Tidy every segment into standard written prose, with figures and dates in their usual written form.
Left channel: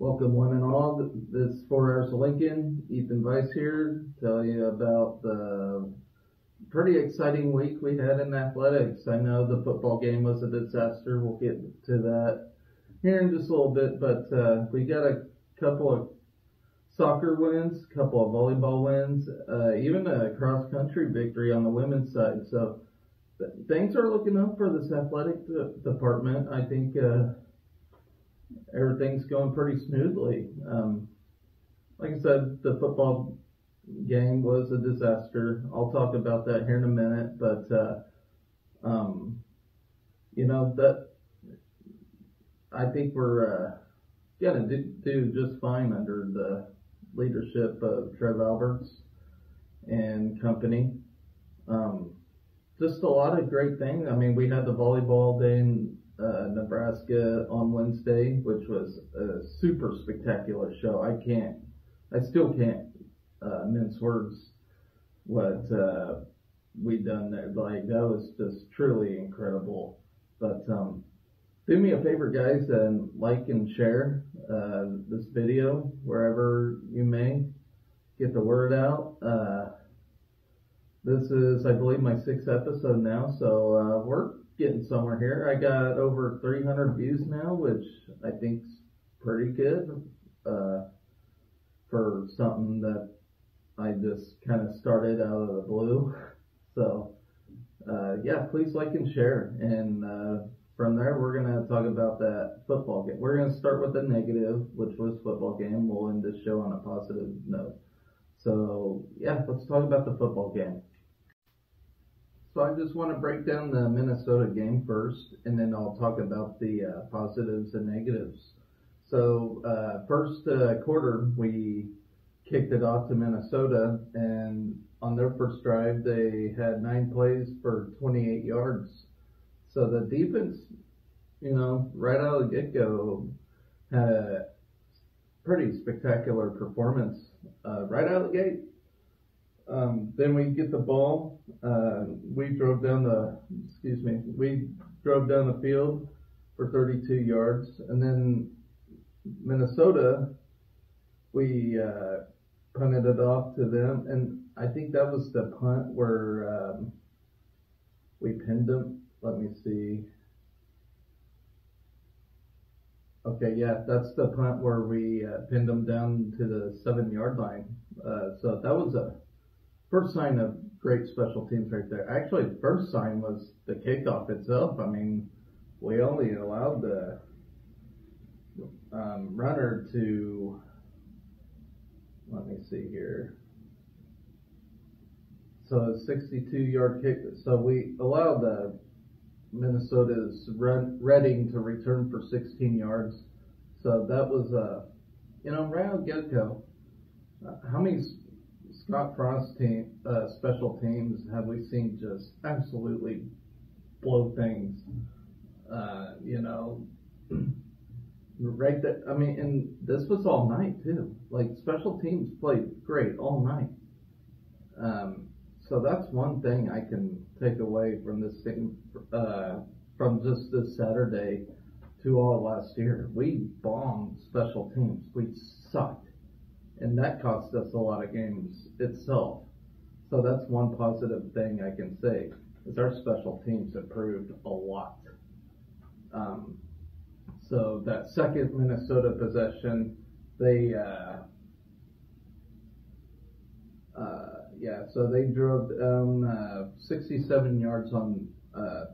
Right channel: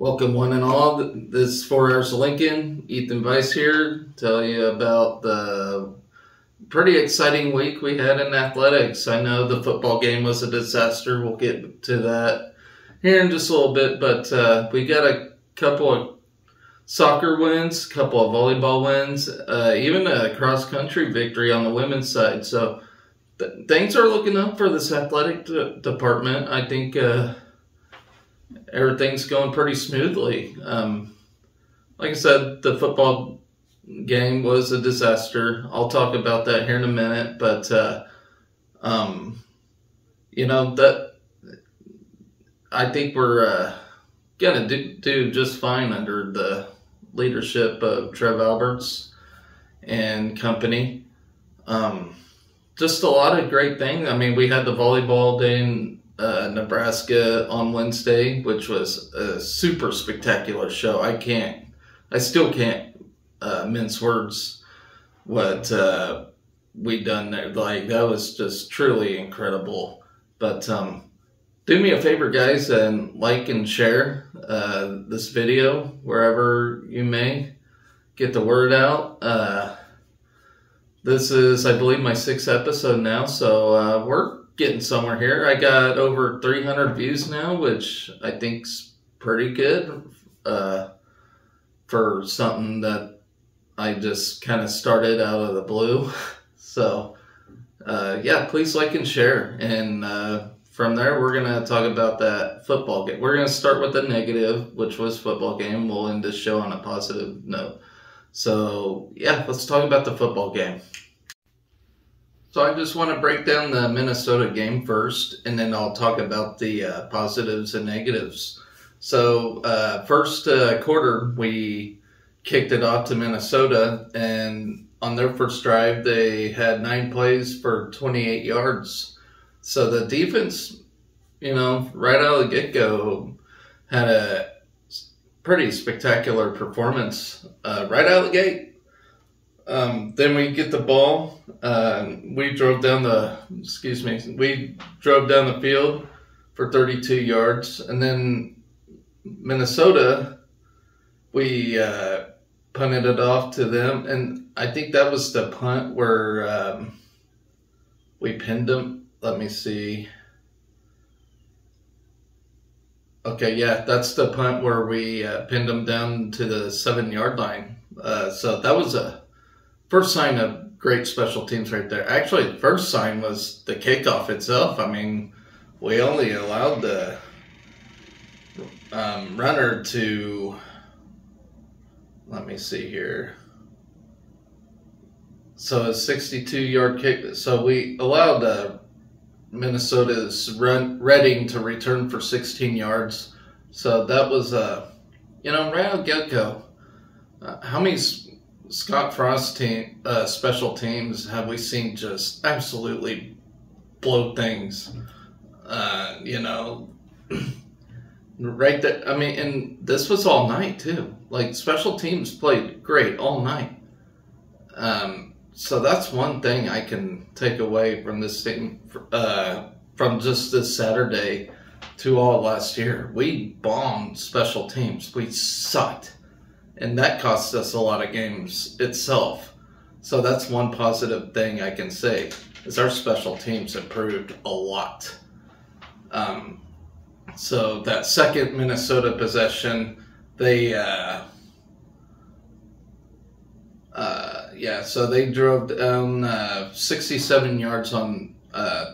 Welcome one and all. This is 4 Hours of Lincoln. Ethan Weiss here. Tell you about the pretty exciting week we had in athletics. I know the football game was a disaster. We'll get to that here in just a little bit. But we got a couple of soccer wins, a couple of volleyball wins, even a cross-country victory on the women's side. So things are looking up for this athletic department. I think everything's going pretty smoothly. Like I said, the football game was a disaster. I'll talk about that here in a minute, but you know, that I think we're gonna do just fine under the leadership of Trev Alberts and company. Just a lot of great things. I mean, we had the volleyball day in Nebraska on Wednesday, which was a super spectacular show. I still can't mince words what we done there. Like, that was just truly incredible. But do me a favor, guys, and like and share this video wherever you may. Get the word out. This is, I believe, my 6th episode now, so we're getting somewhere here. I got over 300 views now, which I think's pretty good for something that I just kind of started out of the blue. So yeah, please like and share, and from there we're gonna talk about that football game. We're gonna start with the negative, which was football game. We'll end this show on a positive note. So yeah, let's talk about the football game. So I just want to break down the Minnesota game first, and then I'll talk about the positives and negatives. So first quarter, we kicked it off to Minnesota, and on their first drive, they had 9 plays for 28 yards. So the defense, you know, right out of the get-go, had a pretty spectacular performance right out of the gate. Then we get the ball. We drove down the field for 32 yards, and then Minnesota, we punted it off to them, and I think that was the punt where we pinned them. Let me see. Okay, yeah, that's the punt where we pinned them down to the 7-yard line. So that was a first sign of great special teams right there. Actually, the first sign was the kickoff itself. I mean, we only allowed the runner to, let me see here. So a 62-yard kick. So we allowed Minnesota's Reading to return for 16 yards. So that was, you know, right out of get-go. How many Scott Frost special teams have we seen just absolutely blow things? You know, right there. I mean, and this was all night too. Like, special teams played great all night. So that's one thing I can take away from this team, from just this Saturday to all last year. We bombed special teams. We sucked. And that cost us a lot of games itself. So that's one positive thing I can say, is our special teams improved a lot. So that second Minnesota possession, they so they drove down 67 yards on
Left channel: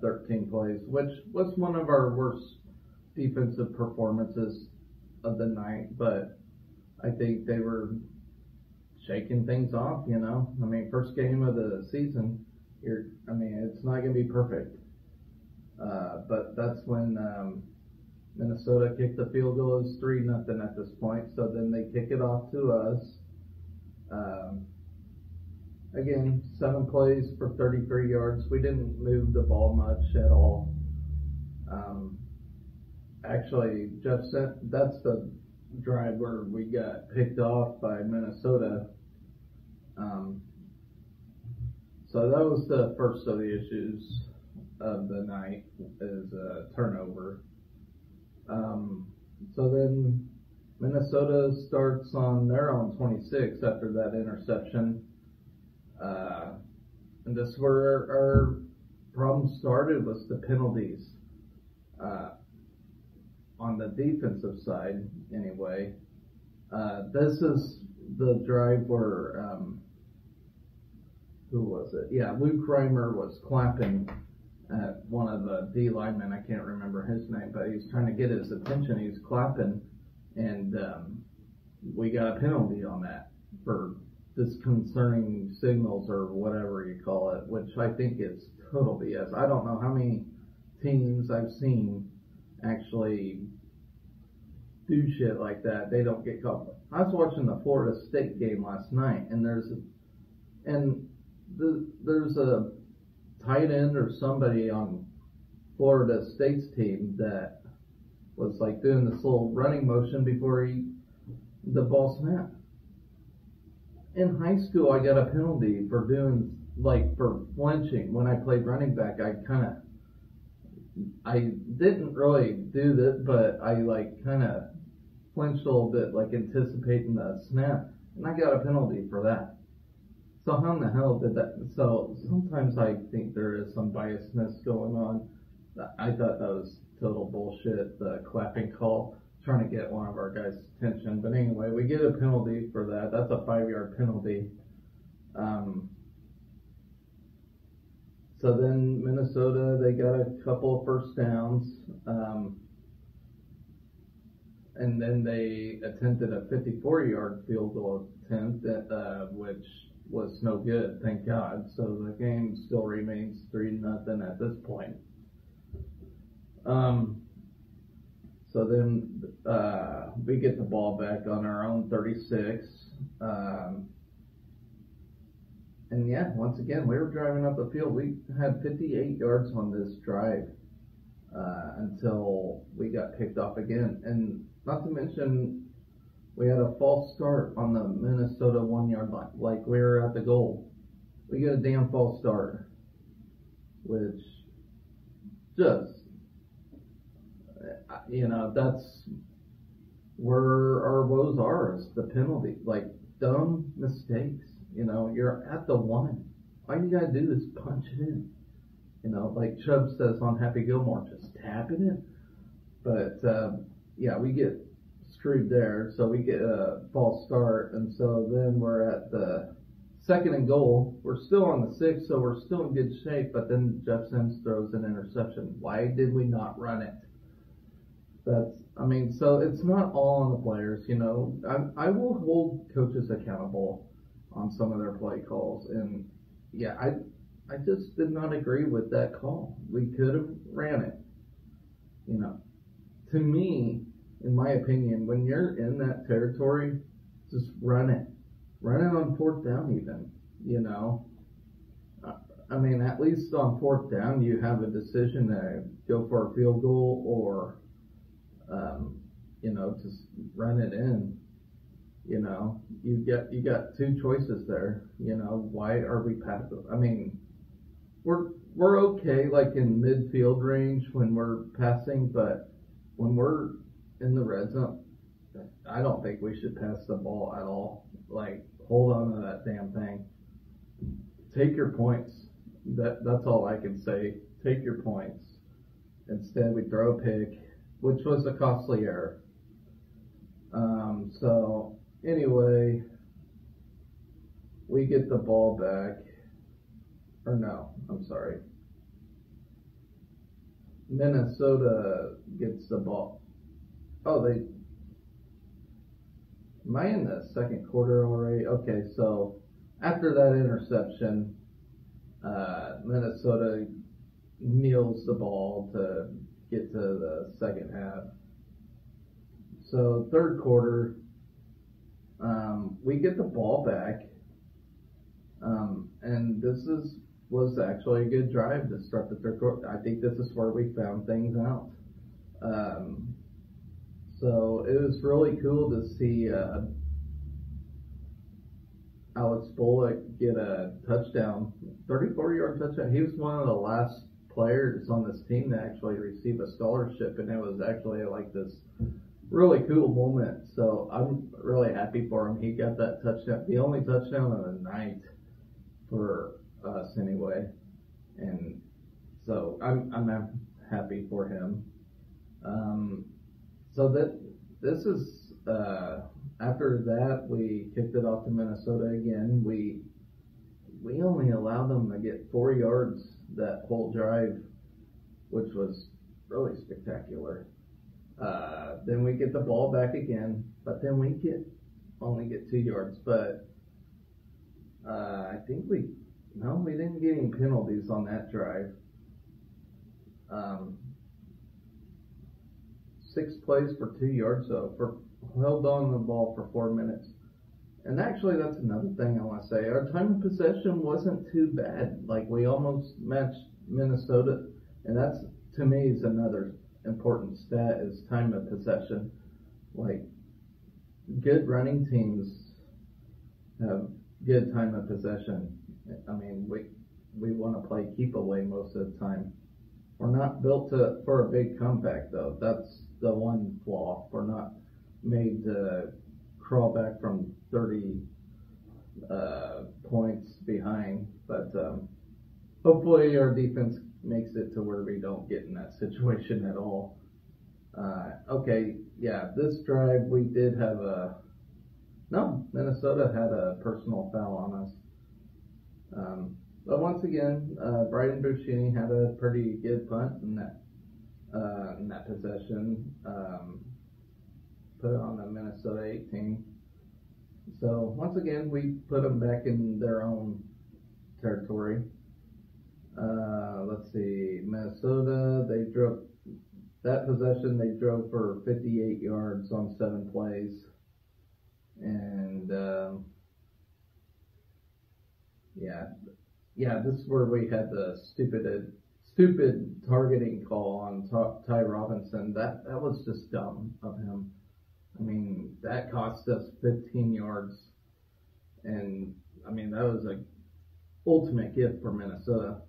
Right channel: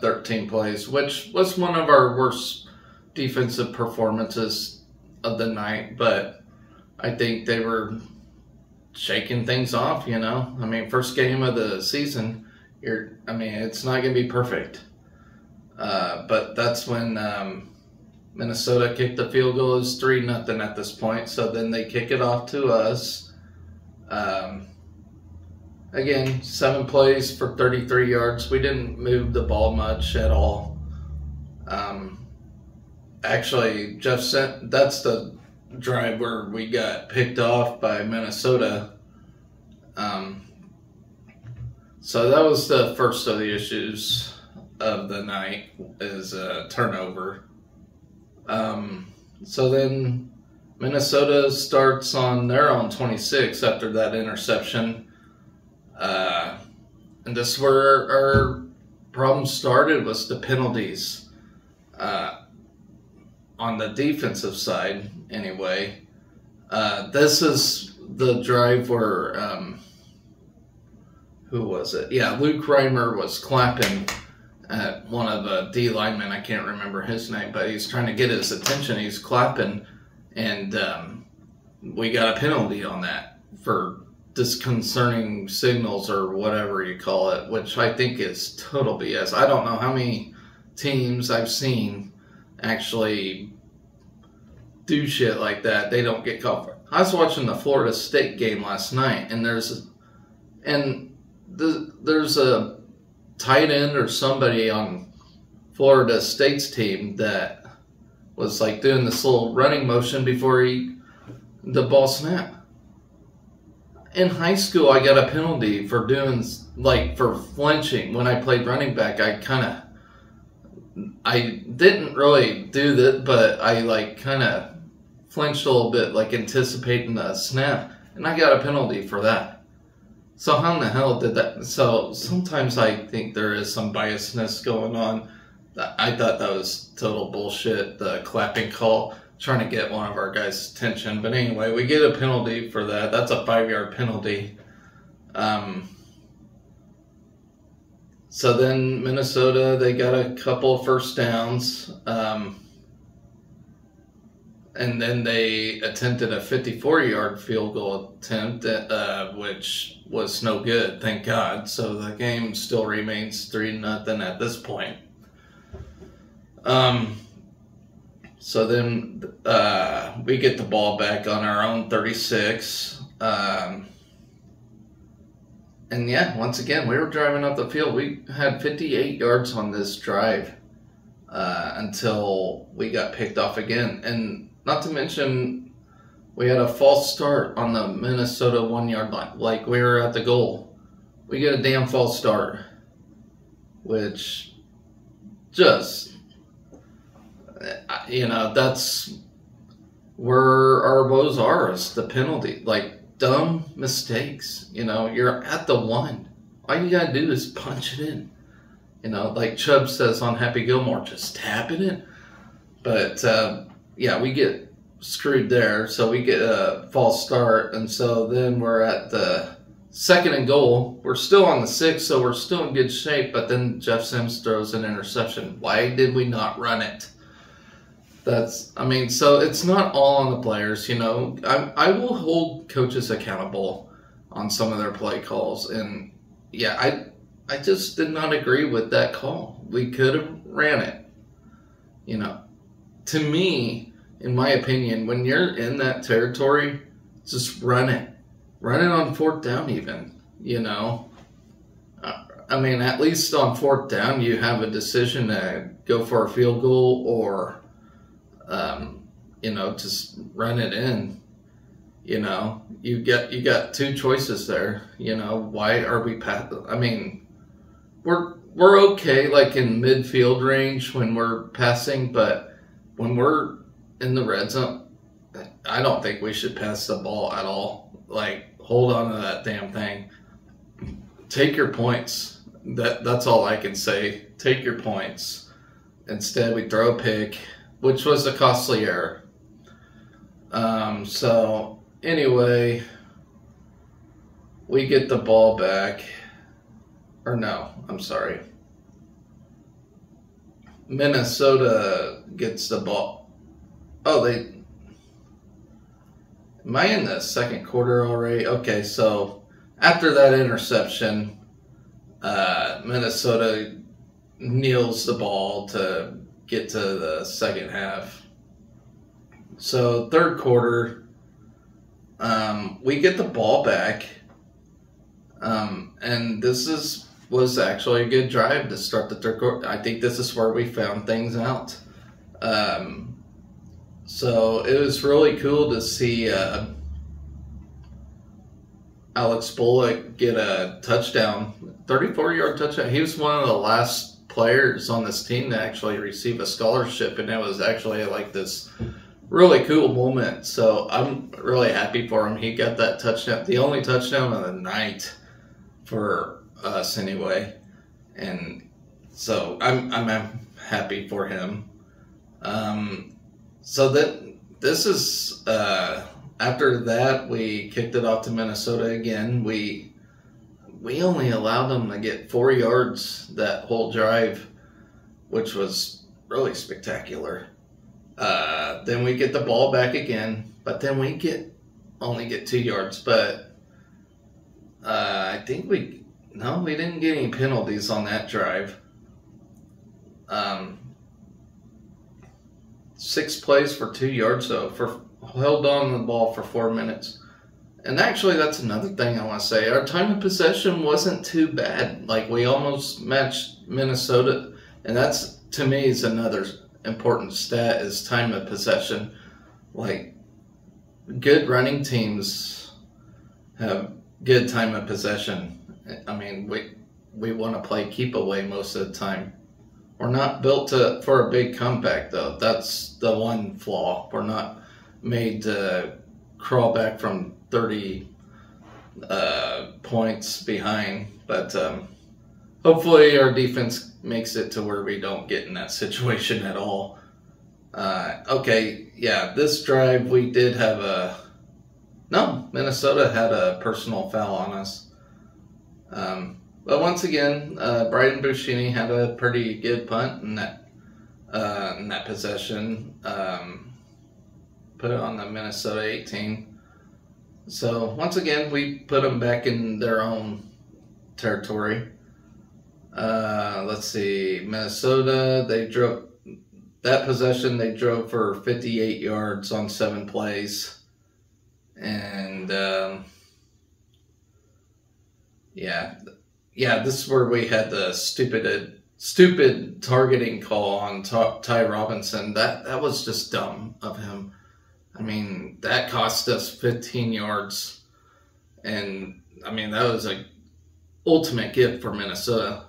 13 plays, which was one of our worst defensive performances of the night. But I think they were shaking things off, you know. I mean, first game of the season, it's not going to be perfect. But that's when Minnesota kicked the field goal. It was 3-0 at this point. So then they kick it off to us. Again, 7 plays for 33 yards. We didn't move the ball much at all. Actually, Jeff sent, that's the drive where we got picked off by Minnesota. So that was the first of the issues of the night, is a turnover. So then Minnesota starts on their own 26 after that interception. And this is where our problem started, was the penalties. On the defensive side, anyway. This is the drive where, who was it? Yeah, Luke Reimer was clapping at one of the D linemen. I can't remember his name, but he's trying to get his attention. He's clapping, and we got a penalty on that for disconcerting signals or whatever you call it, which I think is total BS. I don't know how many teams I've seen actually do shit like that. They don't get called for it. I was watching the Florida State game last night, and there's a tight end or somebody on Florida State's team that was like doing this little running motion before the ball snapped. In high school, I got a penalty for for flinching. When I played running back, I didn't really do that, but I kind of flinched a little bit, like anticipating the snap, and I got a penalty for that. So how in the hell did that? So sometimes I think there is some biasness going on. I thought that was total bullshit, the clapping call, trying to get one of our guys' attention. But anyway, we get a penalty for that. That's a 5-yard penalty. So then Minnesota, they got a couple of first downs. And then they attempted a 54-yard field goal attempt, which was no good, thank God. So the game still remains 3-0 at this point. So then we get the ball back on our own 36. And yeah, once again, we were driving up the field. We had 58 yards on this drive until we got picked off again. And not to mention, we had a false start on the Minnesota 1-yard line. Like, we were at the goal. We get a damn false start, which just, that's where our woes are, is the penalty. Like, dumb mistakes. You're at the 1. All you gotta do is punch it in. Like Chubb says on Happy Gilmore, just tap it in. But yeah, we get screwed there. So we get a false start, and so then we're at the 2nd and goal. We're still on the 6, so we're still in good shape. But then Jeff Sims throws an interception. Why did we not run it? So it's not all on the players, I will hold coaches accountable on some of their play calls. And yeah, I just did not agree with that call. We could have ran it. To me, in my opinion, when you're in that territory, just run it. Run it on 4th down even, at least on 4th down, you have a decision to go for a field goal or just run it in. You got 2 choices there. Why are we we're okay, like in midfield range when we're passing, but when we're in the red zone, I don't think we should pass the ball at all. Like, hold on to that damn thing. Take your points. That's all I can say. Take your points. Instead, we throw a pick, which was a costly error. So anyway, we get the ball back. Or no, I'm sorry. Minnesota gets the ball. Am I in the 2nd quarter already? Okay, so after that interception, Minnesota kneels the ball to get to the 2nd half. So 3rd quarter, we get the ball back, and this was actually a good drive to start the 3rd quarter. I think this is where we found things out. So it was really cool to see Alex Bullock get a touchdown, 34-yard touchdown. He was one of the last players on this team to actually receive a scholarship, and it was actually like this really cool moment. So I'm really happy for him. He got that touchdown, the only touchdown of the night for us anyway. And so I'm happy for him. So that this is after that we kicked it off to Minnesota again. We only allowed them to get 4 yards that whole drive, which was really spectacular. Then we get the ball back again, but then we only get 2 yards. But I think we didn't get any penalties on that drive. 6 plays for 2 yards, so held on the ball for 4 minutes. And actually, that's another thing I want to say. Our time of possession wasn't too bad. Like, we almost matched Minnesota, and that's, to me, is another important stat, is time of possession. Like, good running teams have good time of possession. I mean, we want to play keep away most of the time. We're not built for a big comeback, though. That's the one flaw. We're not made to crawl back from 30 points behind. But hopefully our defense makes it to where we don't get in that situation at all. Okay, yeah, this drive we did have Minnesota had a personal foul on us. But once again, Brighton Buschini had a pretty good punt in that possession. Put it on the Minnesota 18. So once again, we put them back in their own territory. Let's see, Minnesota, they drove that possession. They drove for 58 yards on 7 plays, and yeah, this is where we had the stupid targeting call on Ty Robinson. That was just dumb of him. I mean, that cost us 15 yards. And, I mean, that was an ultimate gift for Minnesota.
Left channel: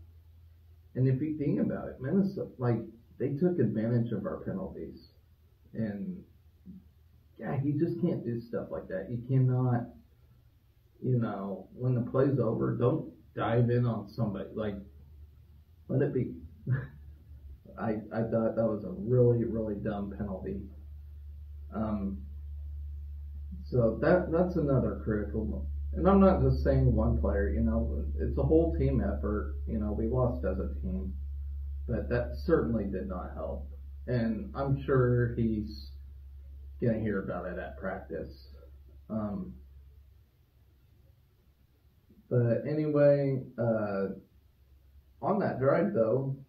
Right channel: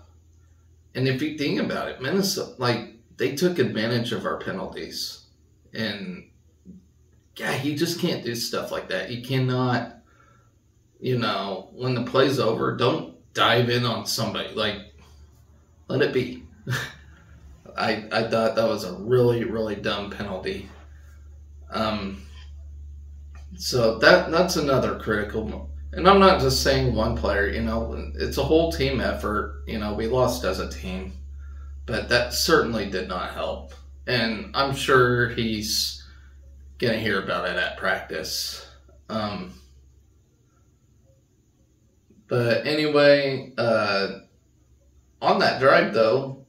And if you think about it, Minnesota, like, they took advantage of our penalties. And, yeah, you just can't do stuff like that. You cannot, when the play's over, don't dive in on somebody. Like, let it be. I thought that was a really, really dumb penalty. So that's another critical, and I'm not just saying one player, it's a whole team effort. We lost as a team, but that certainly did not help. And I'm sure he's going to hear about it at practice. But anyway, on that drive though,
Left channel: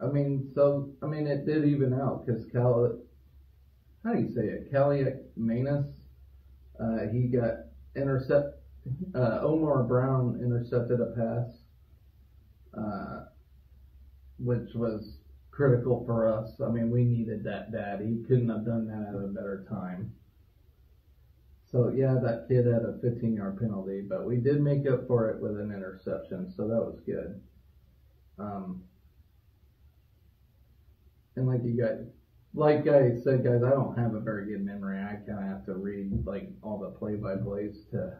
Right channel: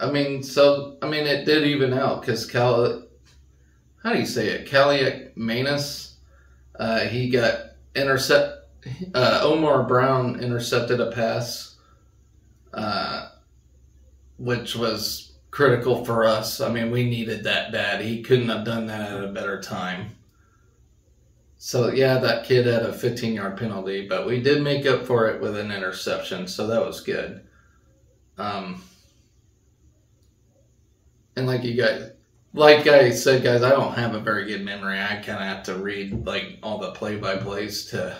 it did even out because how do you say it? Kaliak Manus, he got Omar Brown intercepted a pass, which was critical for us. I mean, we needed that bad. He couldn't have done that at a better time. So, yeah, that kid had a 15-yard penalty, but we did make up for it with an interception, so that was good. And like I said, guys, I don't have a very good memory. I kind of have to read, all the play-by-plays to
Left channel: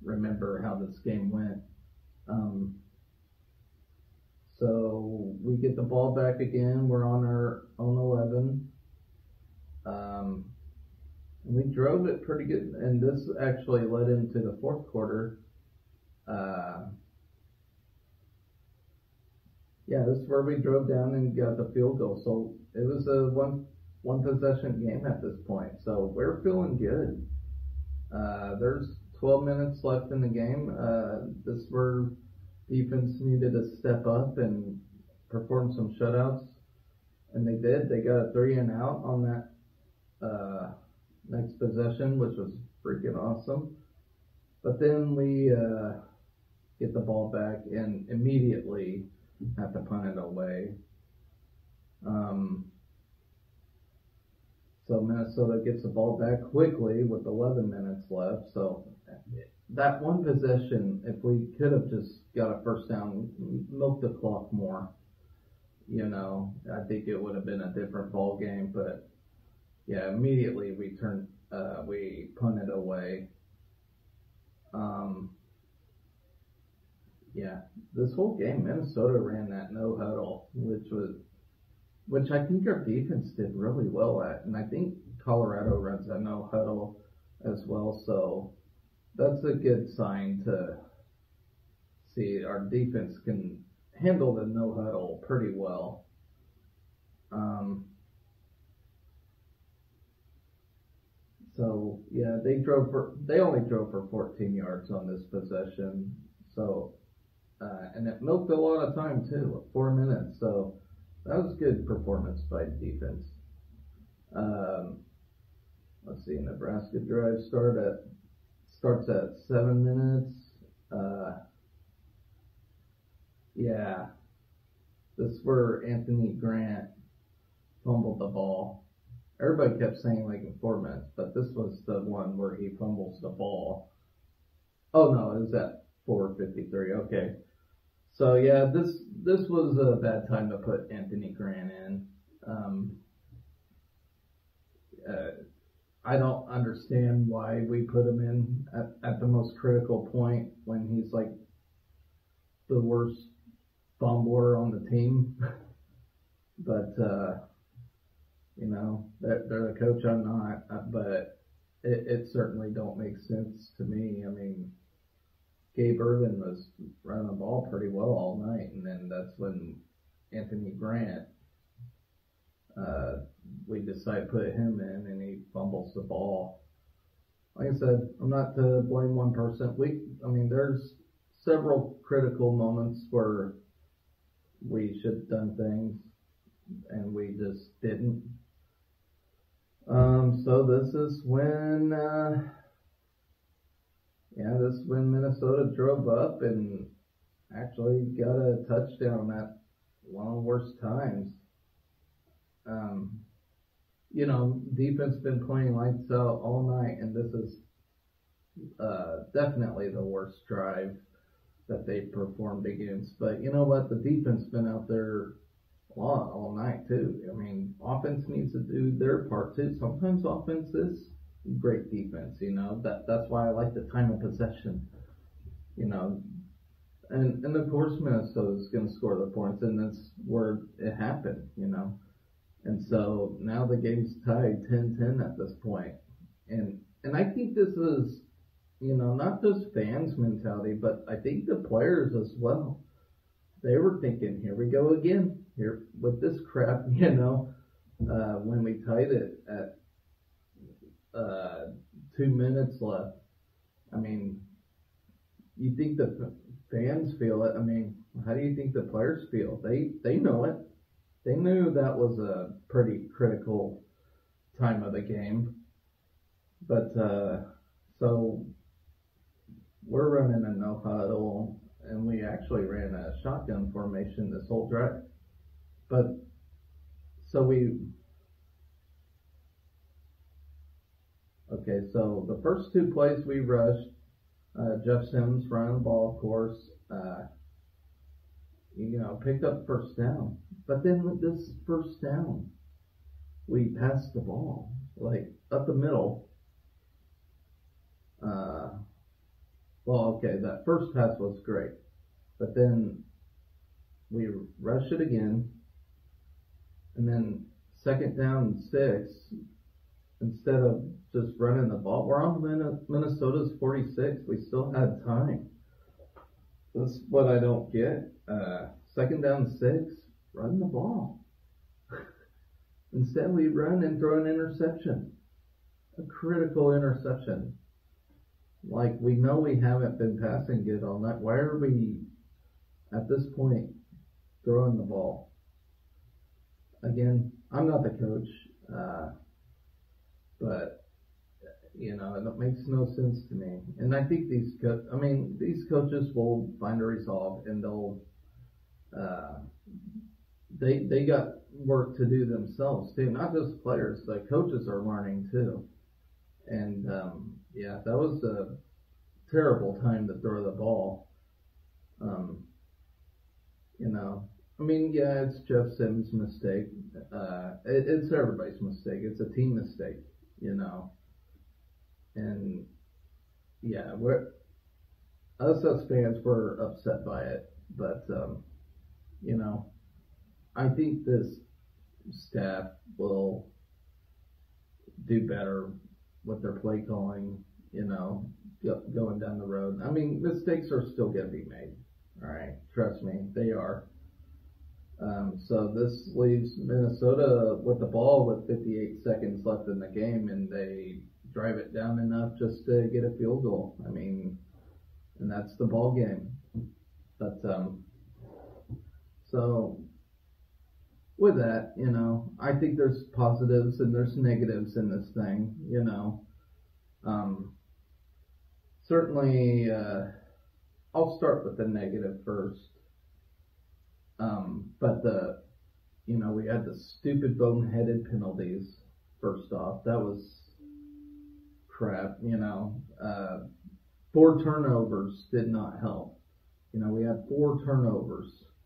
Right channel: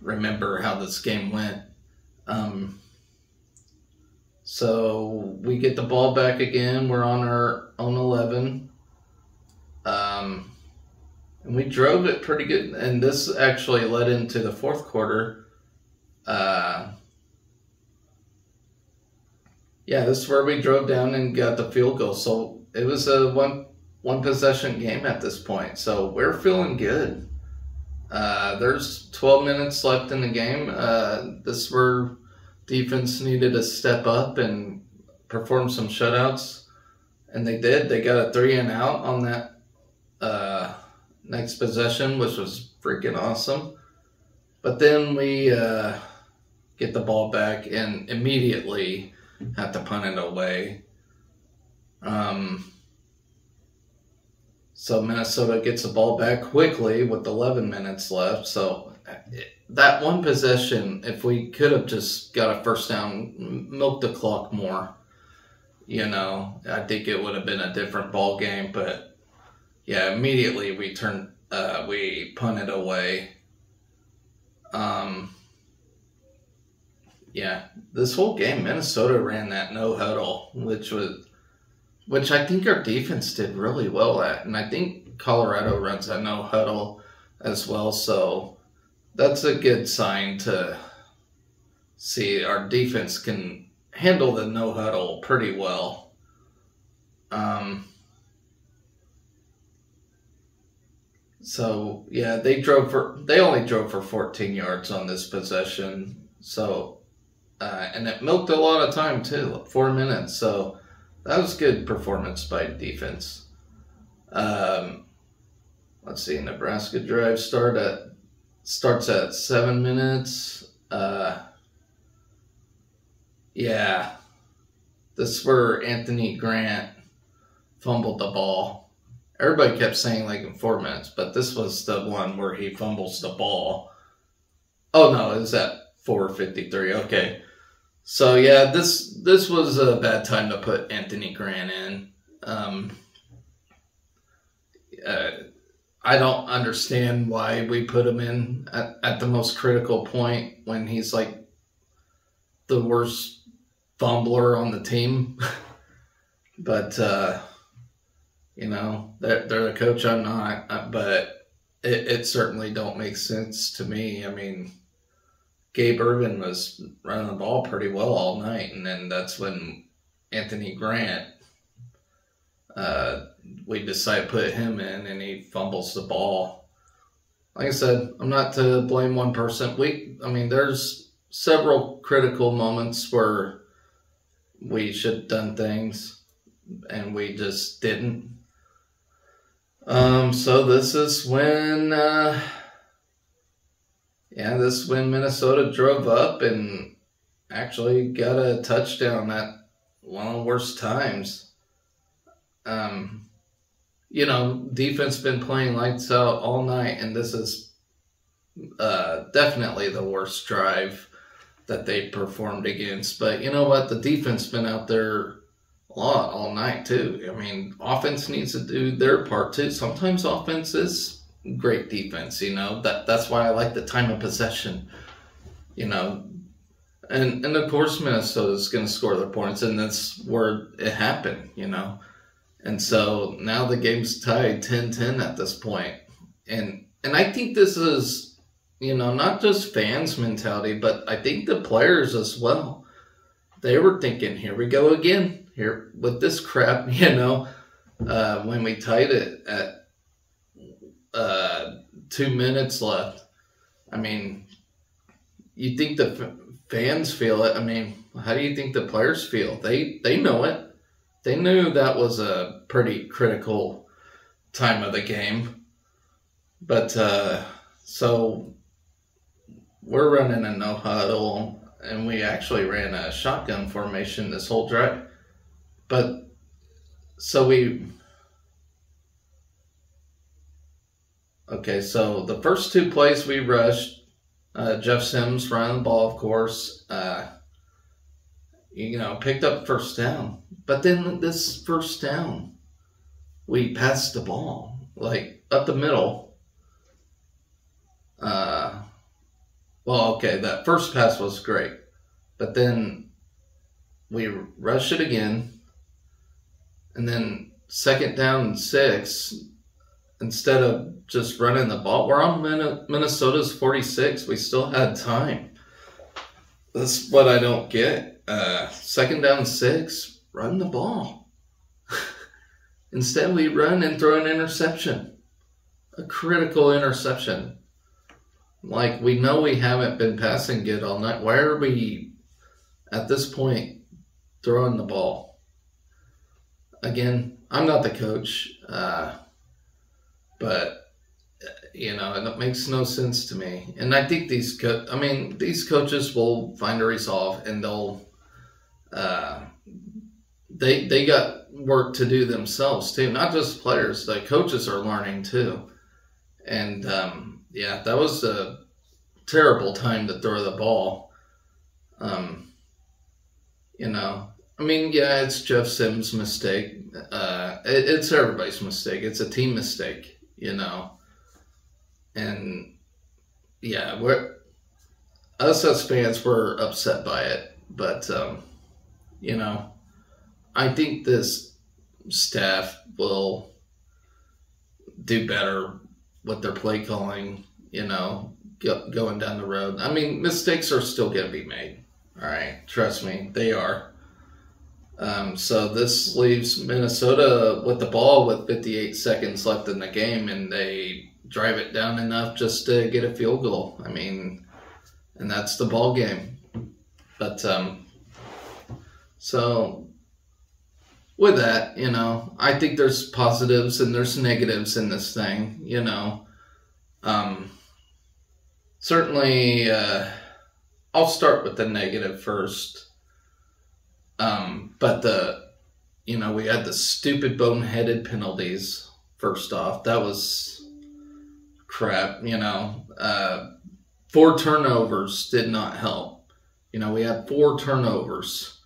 remember how this game went. So we get the ball back again. We're on our own 11. And we drove it pretty good. And this actually led into the fourth quarter. This is where we drove down and got the field goal. So it was a one possession game at this point. So we're feeling good. There's 12 minutes left in the game. This is where defense needed to step up and perform some shutouts. And they did. They got a 3-and-out on that next possession, which was freaking awesome. But then we get the ball back and immediately have to punt it away. So Minnesota gets the ball back quickly with 11 minutes left. So that one possession, if we could have just got a first down, milked the clock more, I think it would have been a different ball game. But yeah, immediately we punted away. Yeah, this whole game, Minnesota ran that no huddle, which I think our defense did really well at, and I think Colorado runs a no huddle as well. So that's a good sign to see our defense can handle the no huddle pretty well. So yeah, they only drove for 14 yards on this possession. So and it milked a lot of time too, like 4 minutes. So that was good performance by defense. Let's see, Nebraska drive starts at 7 minutes. Yeah, this is where Anthony Grant fumbled the ball. Everybody kept saying like in 4 minutes, but this was the one where he fumbles the ball. Oh no, it was at 4:53. Okay, so yeah, this was a bad time to put Anthony Grant in. I don't understand why we put him in at the most critical point when he's like the worst fumbler on the team. But you know, they're the coach, I'm not, but it certainly don't make sense to me. I mean, Gabe Ervin was running the ball pretty well all night, and then that's when Anthony Grant, we decided to put him in, and he fumbles the ball. Like I said, I'm not to blame one person. I mean, there's several critical moments where we should have done things, and we just didn't. So this is when, this is when Minnesota drove up and actually got a touchdown at one of the worst times. You know, defense been playing lights out all night, and this is definitely the worst drive that they performed against. But you know what? The defense been out there a lot all night too. I mean, offense needs to do their part too. Sometimes offense is great defense, you know. That's why I like the time of possession, you know. And of course Minnesota's going to score their points, and that's where it happened, you know. And so now the game's tied 10-10 at this point. And I think this is, you know, not just fans' mentality, but I think the players as well. They were thinking, here we go again, here with this crap, you know, when we tied it at 2 minutes left. I mean, you think the fans feel it. I mean, how do you think the players feel? They know it. They knew that was a pretty critical time of the game. But, so we're running a no huddle, and we actually ran a shotgun formation this whole drive. But, so so the first two plays we rushed, Jeff Sims running the ball, of course, you know, picked up first down. But then this first down, we passed the ball, like, up the middle. That first pass was great. But then we rushed it again. And then 2nd down and 6, instead of just running the ball, we're on Minnesota's 46. We still had time. That's what I don't get. 2nd down and 6, run the ball. Instead, we run and throw an interception. A critical interception. Like, we know we haven't been passing good all night. Why are we, at this point, throwing the ball? Again, I'm not the coach, but, you know, it makes no sense to me. And I think these coaches will find a resolve, and they'll, they got work to do themselves too. Not just players, the coaches are learning too. And, that was a terrible time to throw the ball. You know, I mean, yeah, it's Jeff Sims' mistake. it's everybody's mistake. It's a team mistake, And yeah, us as fans were upset by it, but I think this staff will do better with their play calling, going down the road. I mean, mistakes are still going to be made. All right, trust me, they are. So this leaves Minnesota with the ball with 58 seconds left in the game, and they drive it down enough just to get a field goal. I mean, and that's the ball game. But so with that, I think there's positives and there's negatives in this thing. Certainly, I'll start with the negative first. But we had the stupid boneheaded penalties. First off, that was crap. 4 turnovers did not help. We had 4 turnovers,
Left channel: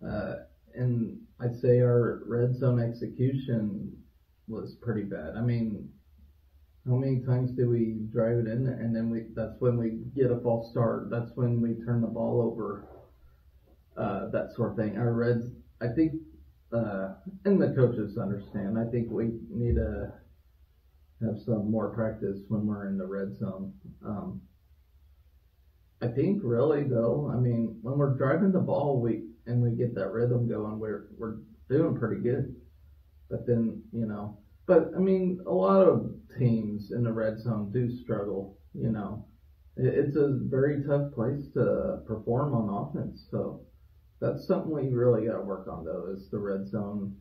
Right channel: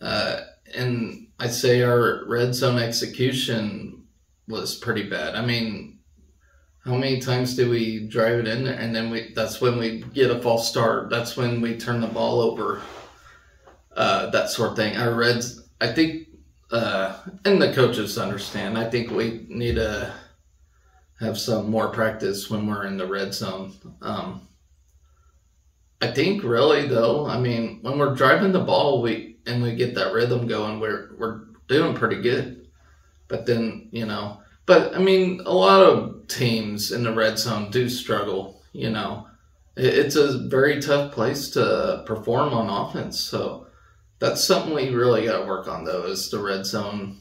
and I'd say our red zone execution was pretty bad. I mean, how many times do we drive it in there, and then that's when we get a false start. That's when we turn the ball over. That sort of thing. I think, and the coaches understand, I think we need to have some more practice when we're in the red zone. I think really though, I mean, when we're driving the ball, we get that rhythm going, we're doing pretty good. But then, but I mean, a lot of teams in the red zone do struggle, It's a very tough place to perform on offense, so that's something we really got to work on, though, is the red zone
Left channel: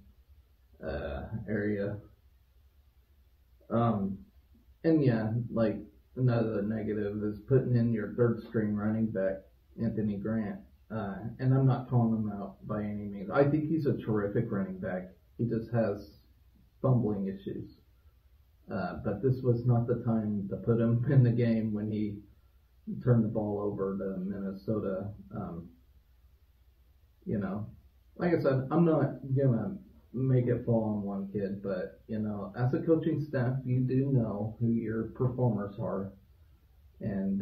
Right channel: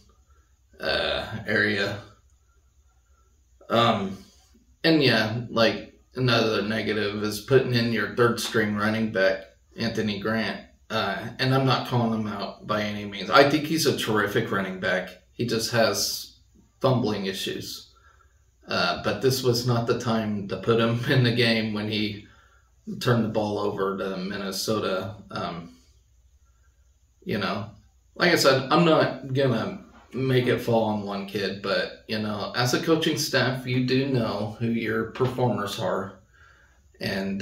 area. And yeah, like another negative is putting in your third string running back, Anthony Grant. And I'm not calling him out by any means. I think he's a terrific running back. He just has fumbling issues. But this was not the time to put him in the game when he turned the ball over to Minnesota. Like I said, I'm not going to make it fall on one kid, but, as a coaching staff, you do know who your performers are. And,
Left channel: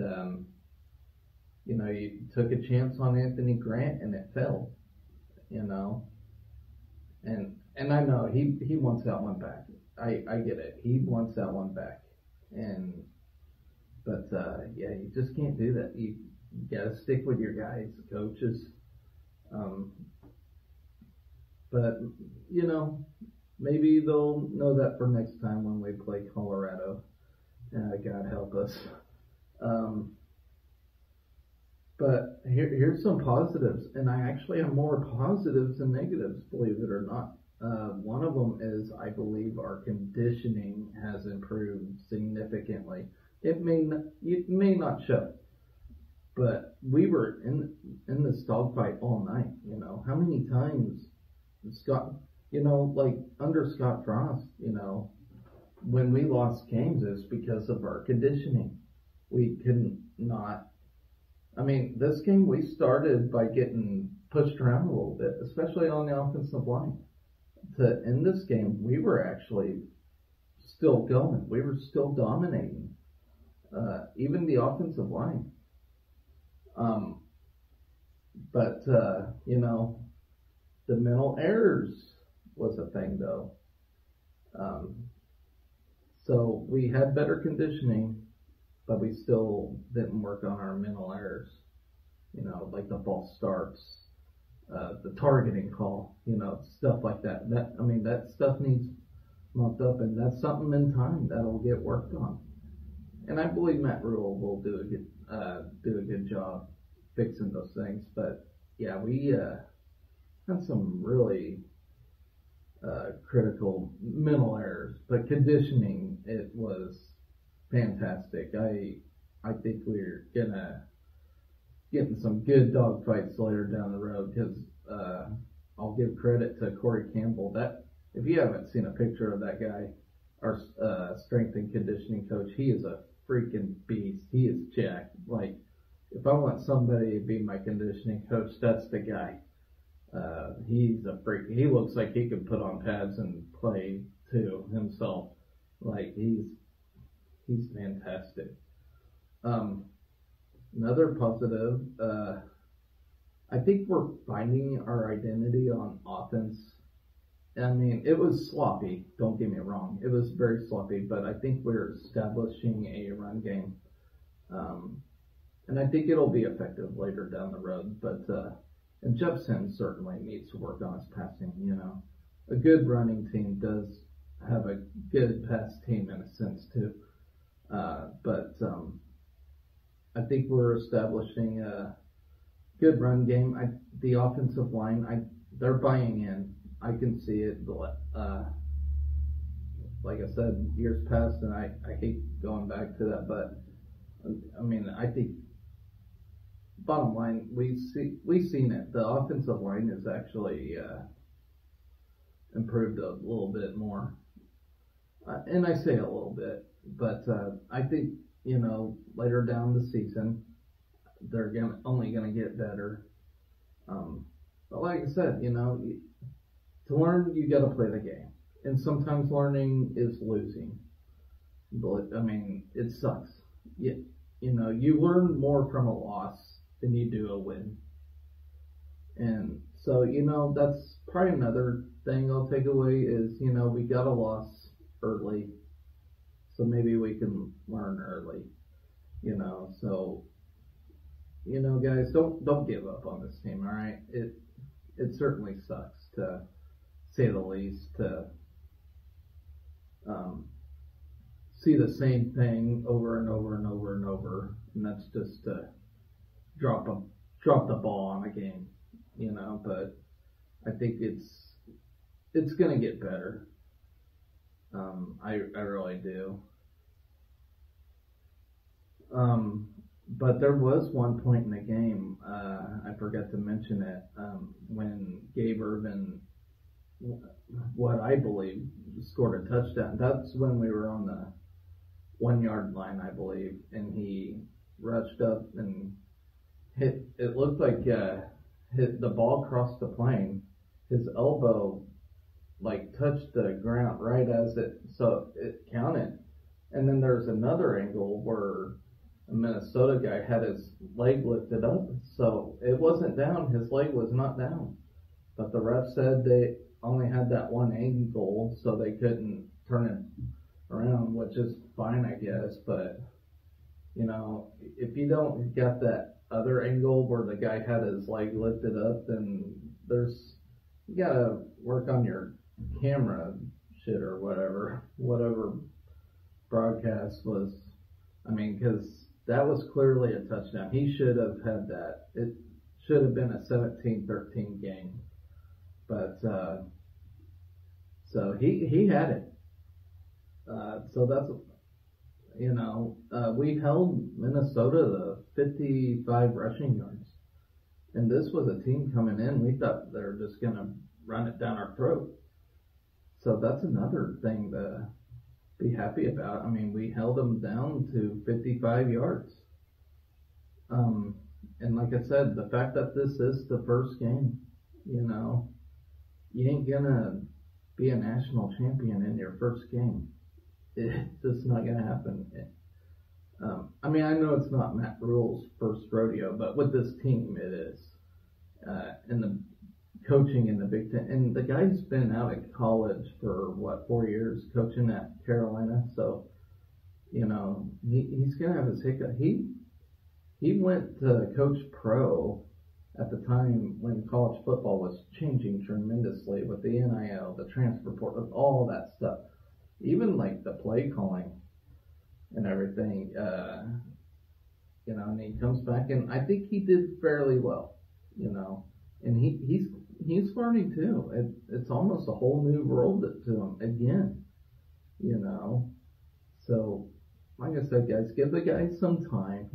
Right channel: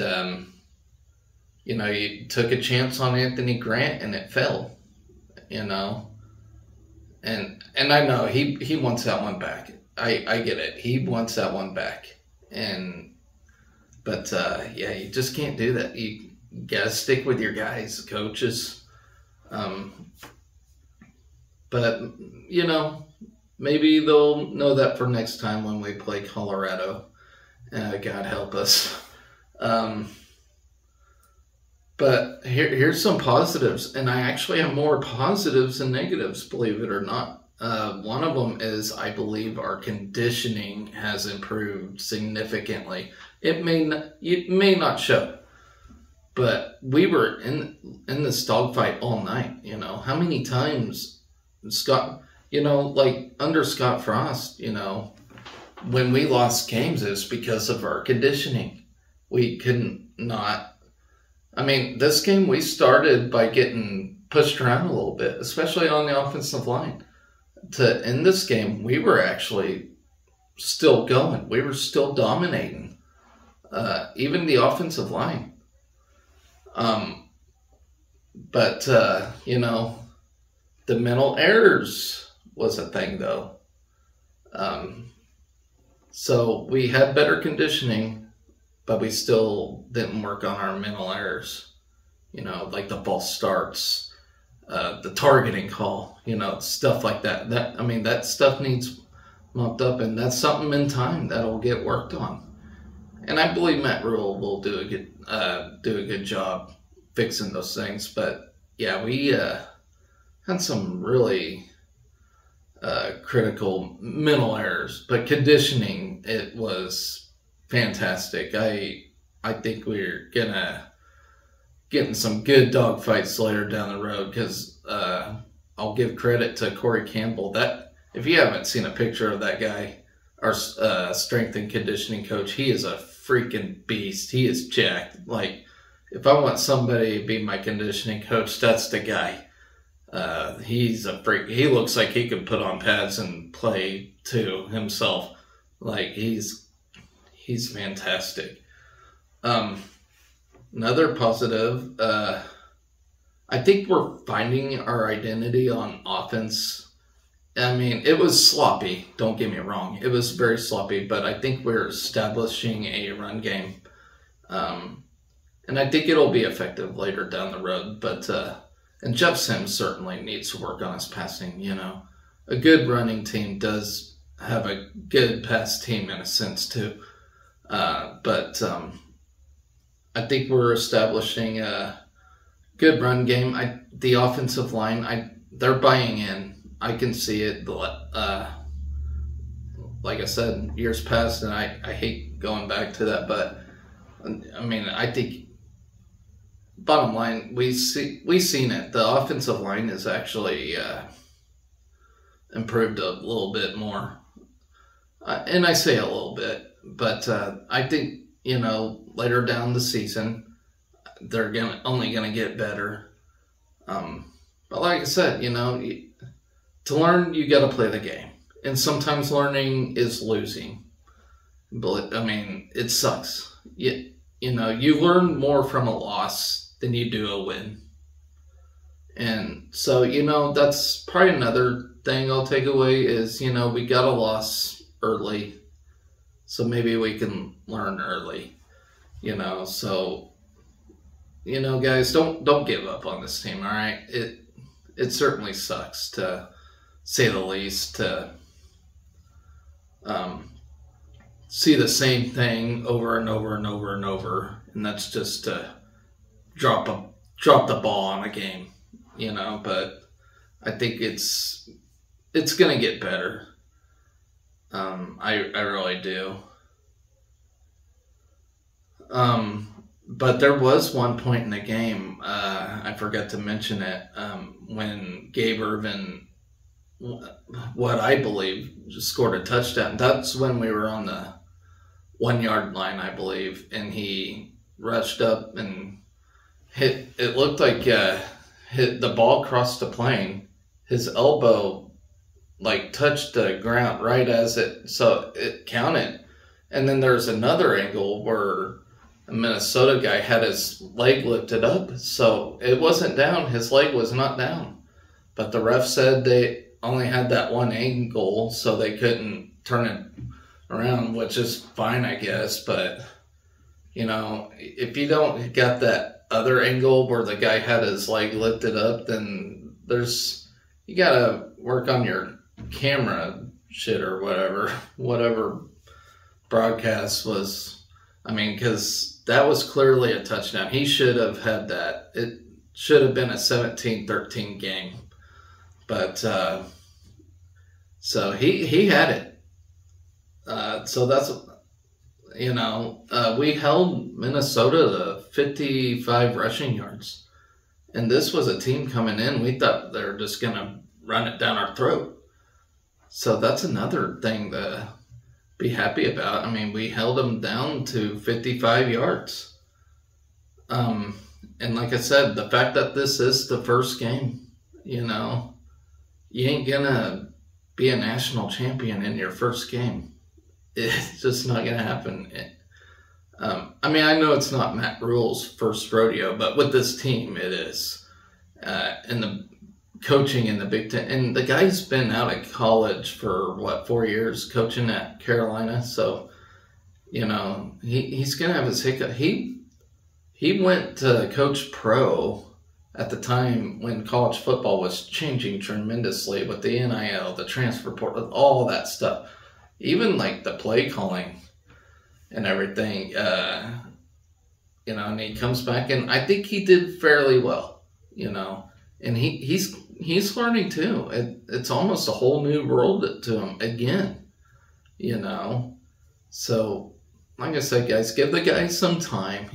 you took a chance on Anthony Grant and it fell, And I know he wants that one back. I get it. He wants that one back. But you just can't do that. You got to stick with your guys, coaches. But, maybe they'll know that for next time when we play Colorado. God help us. But here's some positives, and I actually have more positives than negatives, believe it or not. One of them is I believe our conditioning has improved significantly. It may not show, but we were in this dogfight all night. How many times Scott, like under Scott Frost, when we lost games, it was because of our conditioning. We couldn't not. I mean, this game we started by getting pushed around a little bit, especially on the offensive line. To end this game, we were actually still going. We were still dominating, even the offensive line. But the mental errors was a thing, though. So we had better conditioning, but we still didn't work on our mental errors. Like the false starts, the targeting call, stuff like that. That stuff needs mopped up, and that's something in time that'll get worked on. And I believe Matt Rule will do a good job fixing those things. But yeah, we had some really critical mental errors, but conditioning, it was fantastic. I think we're getting some good dogfights later down the road, because I'll give credit to Corey Campbell. That if you haven't seen a picture of that guy, our strength and conditioning coach, he is a freaking beast. He is jacked. Like, if I want somebody to be my conditioning coach, that's the guy. He's a freak. He looks like he could put on pads and play too himself. Like he's fantastic. Another positive, I think we're finding our identity on offense. I mean, it was sloppy, don't get me wrong. It was very sloppy, but I think we're establishing a run game. And I think it'll be effective later down the road. But and Jeff Sims certainly needs to work on his passing, you know. A good running team does have a good pass team in a sense too. But I think we're establishing a good run game. The offensive line, they're buying in. I can see it. Like I said, years past, and I hate going back to that, but I mean, I think bottom line, we've seen it. The offensive line is actually improved a little bit more, and I say a little bit, but I think, you know, later down the season, they're only gonna get better. But like I said, you know, to learn, you got to play the game. And sometimes learning is losing. But, I mean, it sucks. You know, you learn more from a loss than you do a win. And so, you know, that's probably another thing I'll take away is, you know, we got a loss early. So maybe we can learn early. You know, so, you know, guys, don't give up on this team, all right? It certainly sucks, to say the least, to see the same thing over and over and over and over, and that's just to drop the ball on a game, you know. But I think it's gonna get better. I really do. But there was one point in the game, I forgot to mention it, when Gabe Irvin, what I believe, scored a touchdown. That's when we were on the 1 yard line, I believe, and he rushed up and hit. It looked like hit the ball crossed the plane. His elbow like touched the ground right as so it counted. And then there's another angle where a Minnesota guy had his leg lifted up, so it wasn't down. His leg was not down, but the ref said they only had that one angle, so they couldn't turn it around, which is fine, I guess. But, you know, if you don't got that other angle where the guy had his leg lifted up, then you gotta work on your camera shit or whatever broadcast was. I mean, because that was clearly a touchdown. He should have had that. It should have been a 17-13 game. But, so he had it. So that's, you know, we held Minnesota to 55 rushing yards. And this was a team coming in. We thought they were just going to run it down our throat. So that's another thing to be happy about. I mean, we held them down to 55 yards. And like I said, the fact that this is the first game, you know, you ain't gonna be a national champion in your first game. It's just not gonna happen. I mean, I know it's not Matt Rule's first rodeo, but with this team, it is. And the coaching in the Big Ten, and the guy's been out of college for 4 years, coaching at Carolina. So, you know, he's gonna have his hiccup. He went to coach pro at the time when college football was changing tremendously with the NIL, the transfer portal, all that stuff, even like the play calling and everything. You know, and he comes back, and I think he did fairly well. You know, and he's learning too. It's almost a whole new world to him again. You know, so like I said, guys, give the guy some time.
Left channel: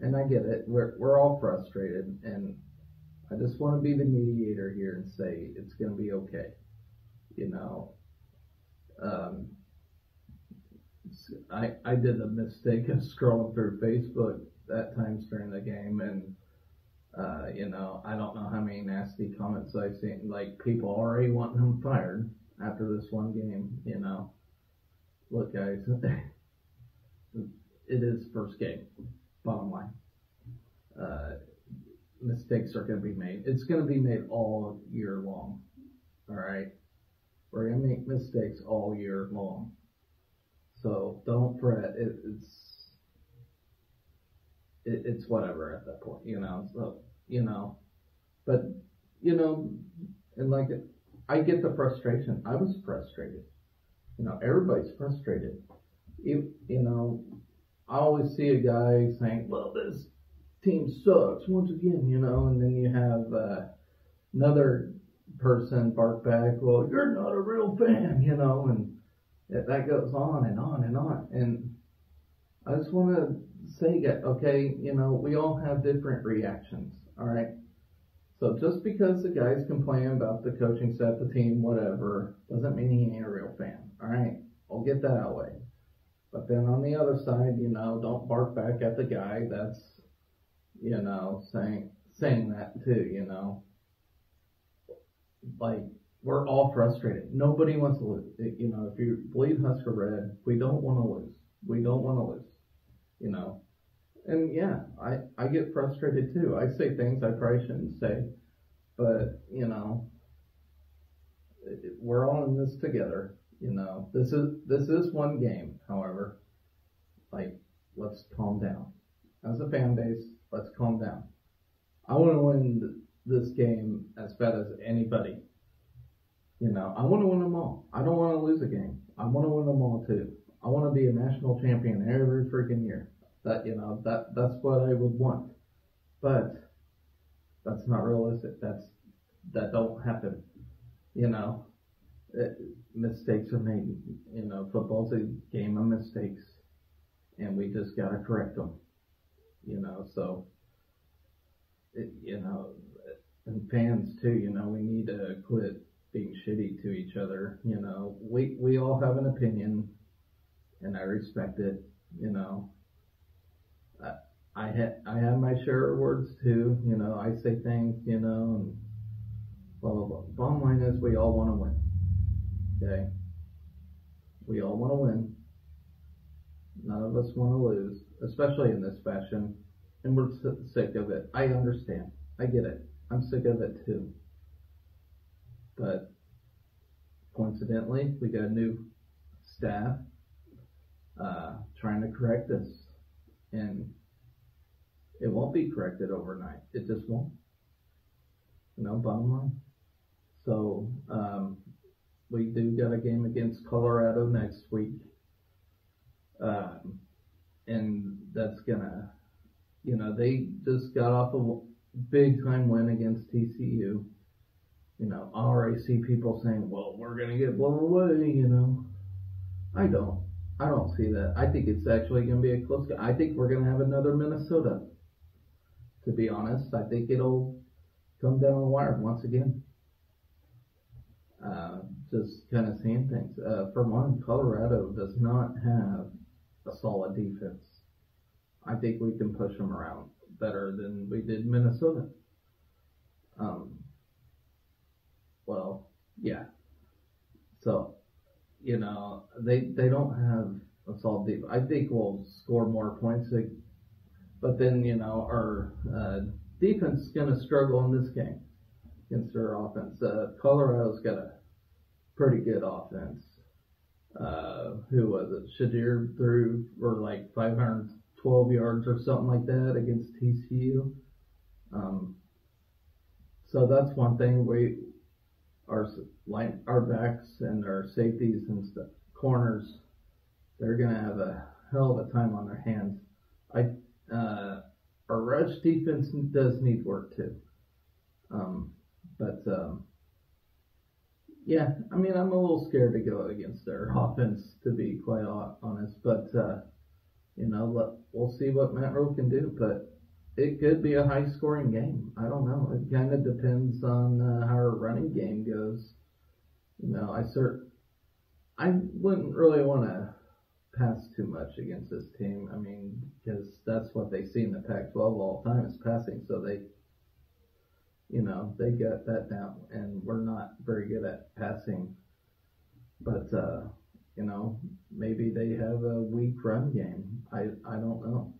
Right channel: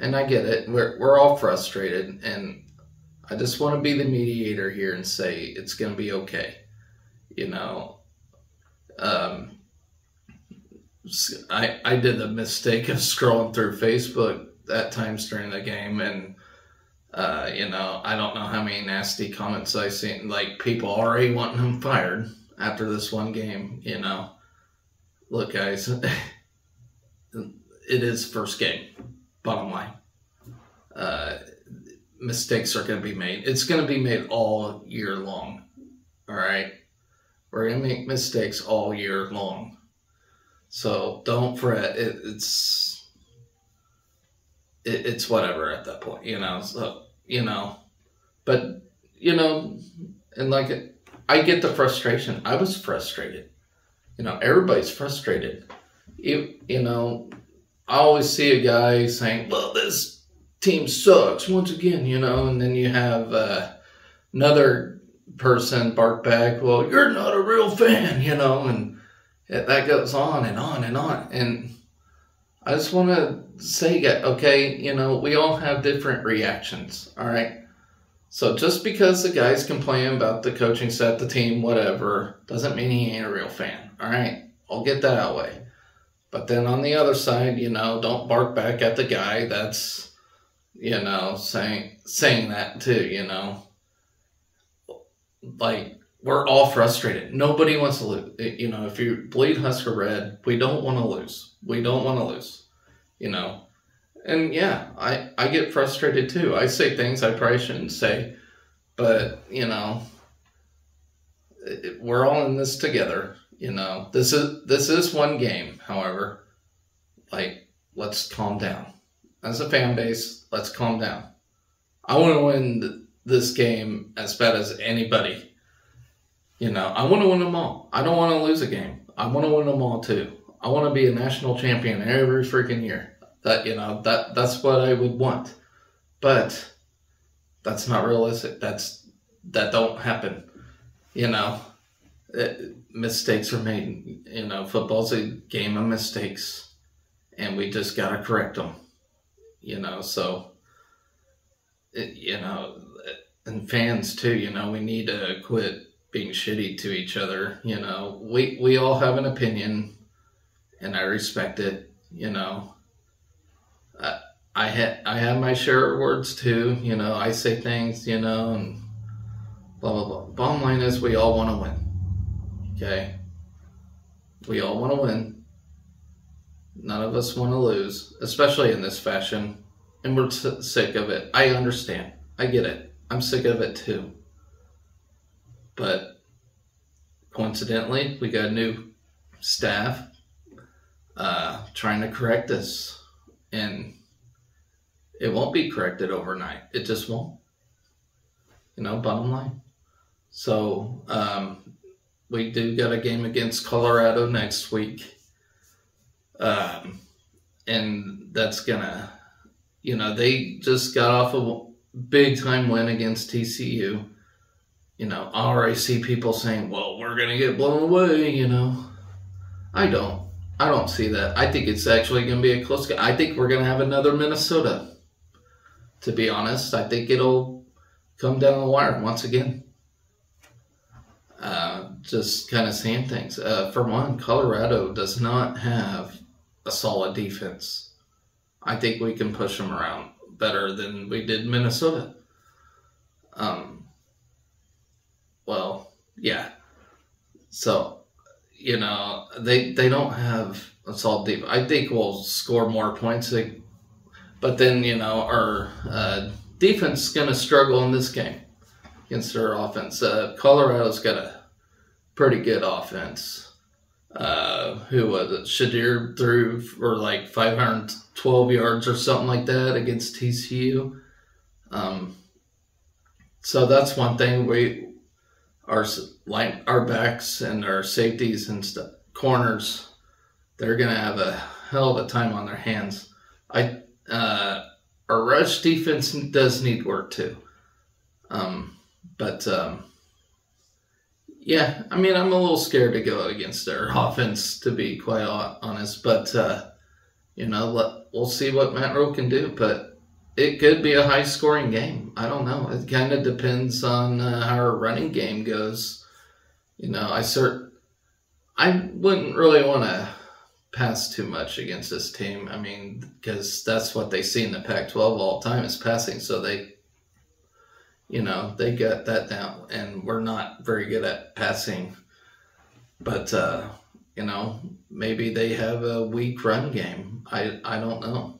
And I get it. We're all frustrated, and I just want to be the mediator here and say it's going to be okay. You know, I did the mistake of scrolling through Facebook at times during the game, and I don't know how many nasty comments I've seen, like people already wanting him fired after this one game. Look, guys, it is first game. Bottom line, mistakes are going to be made. It's going to be made all year long. All right, we're going to make mistakes all year long. So don't fret. It's whatever at that point, So, but and like I get the frustration. I was frustrated. Everybody's frustrated. I always see a guy saying, "Well, this team sucks once again," and then you have another person bark back, "Well, you're not a real fan," and that goes on and on and on. And I just want to say, okay, we all have different reactions, all right? So just because the guy's complaining about the coaching staff, the team, whatever, doesn't mean he ain't a real fan, all right? I'll get that out of the way. But then on the other side, don't bark back at the guy that's, saying that too, Like, we're all frustrated. Nobody wants to lose. If you bleed Husker red, we don't want to lose. We don't want to lose, And yeah, I get frustrated too. I say things I probably shouldn't say, but, we're all in this together. This is one game. However, let's calm down. As a fan base, let's calm down. I want to win this game as bad as anybody. I want to win them all. I don't want to lose a game. I want to win them all too. I want to be a national champion every freaking year. That's what I would want. But that's not realistic. That don't happen. Mistakes are made. Football's a game of mistakes, and we just gotta correct them. So and fans too. We need to quit being shitty to each other. We all have an opinion, and I respect it. I have my share of words too. I say things. And blah blah blah. Bottom line is, we all want to win. Okay, we all want to win. None of us want to lose, especially in this fashion, and we're sick of it. I understand. I get it. I'm sick of it too. But coincidentally, we got a new staff trying to correct this, and it won't be corrected overnight. It just won't. Bottom line. So we do got a game against Colorado next week, and that's gonna, they just got off a big time win against TCU. I already see people saying, "Well, we're gonna get blown away." I don't see that. I think it's actually gonna be a close game. I think we're gonna have another Minnesota. To be honest, I think it'll come down the wire once again. Just kind of seeing things. For one, Colorado does not have a solid defense. I think we can push them around better than we did Minnesota. Well, yeah. So, they don't have a solid defense. I think we'll score more points. But then, our defense is going to struggle in this game against their offense. Colorado's got a pretty good offense. Who was it? Shadir threw for 512 yards or something like that against TCU. So that's one thing. Our backs and our safeties and corners, they're gonna have a hell of a time on their hands. Our rush defense does need work too. Yeah, I'm a little scared to go against their offense, to be quite honest. But we'll see what Matt Rowe can do. But it could be a high-scoring game. I don't know. It kind of depends on how our running game goes. I wouldn't really want to pass too much against this team. Because that's what they see in the Pac-12 all the time is passing. So they they got that down, and we're not very good at passing. But, maybe they have a weak run game. I don't know.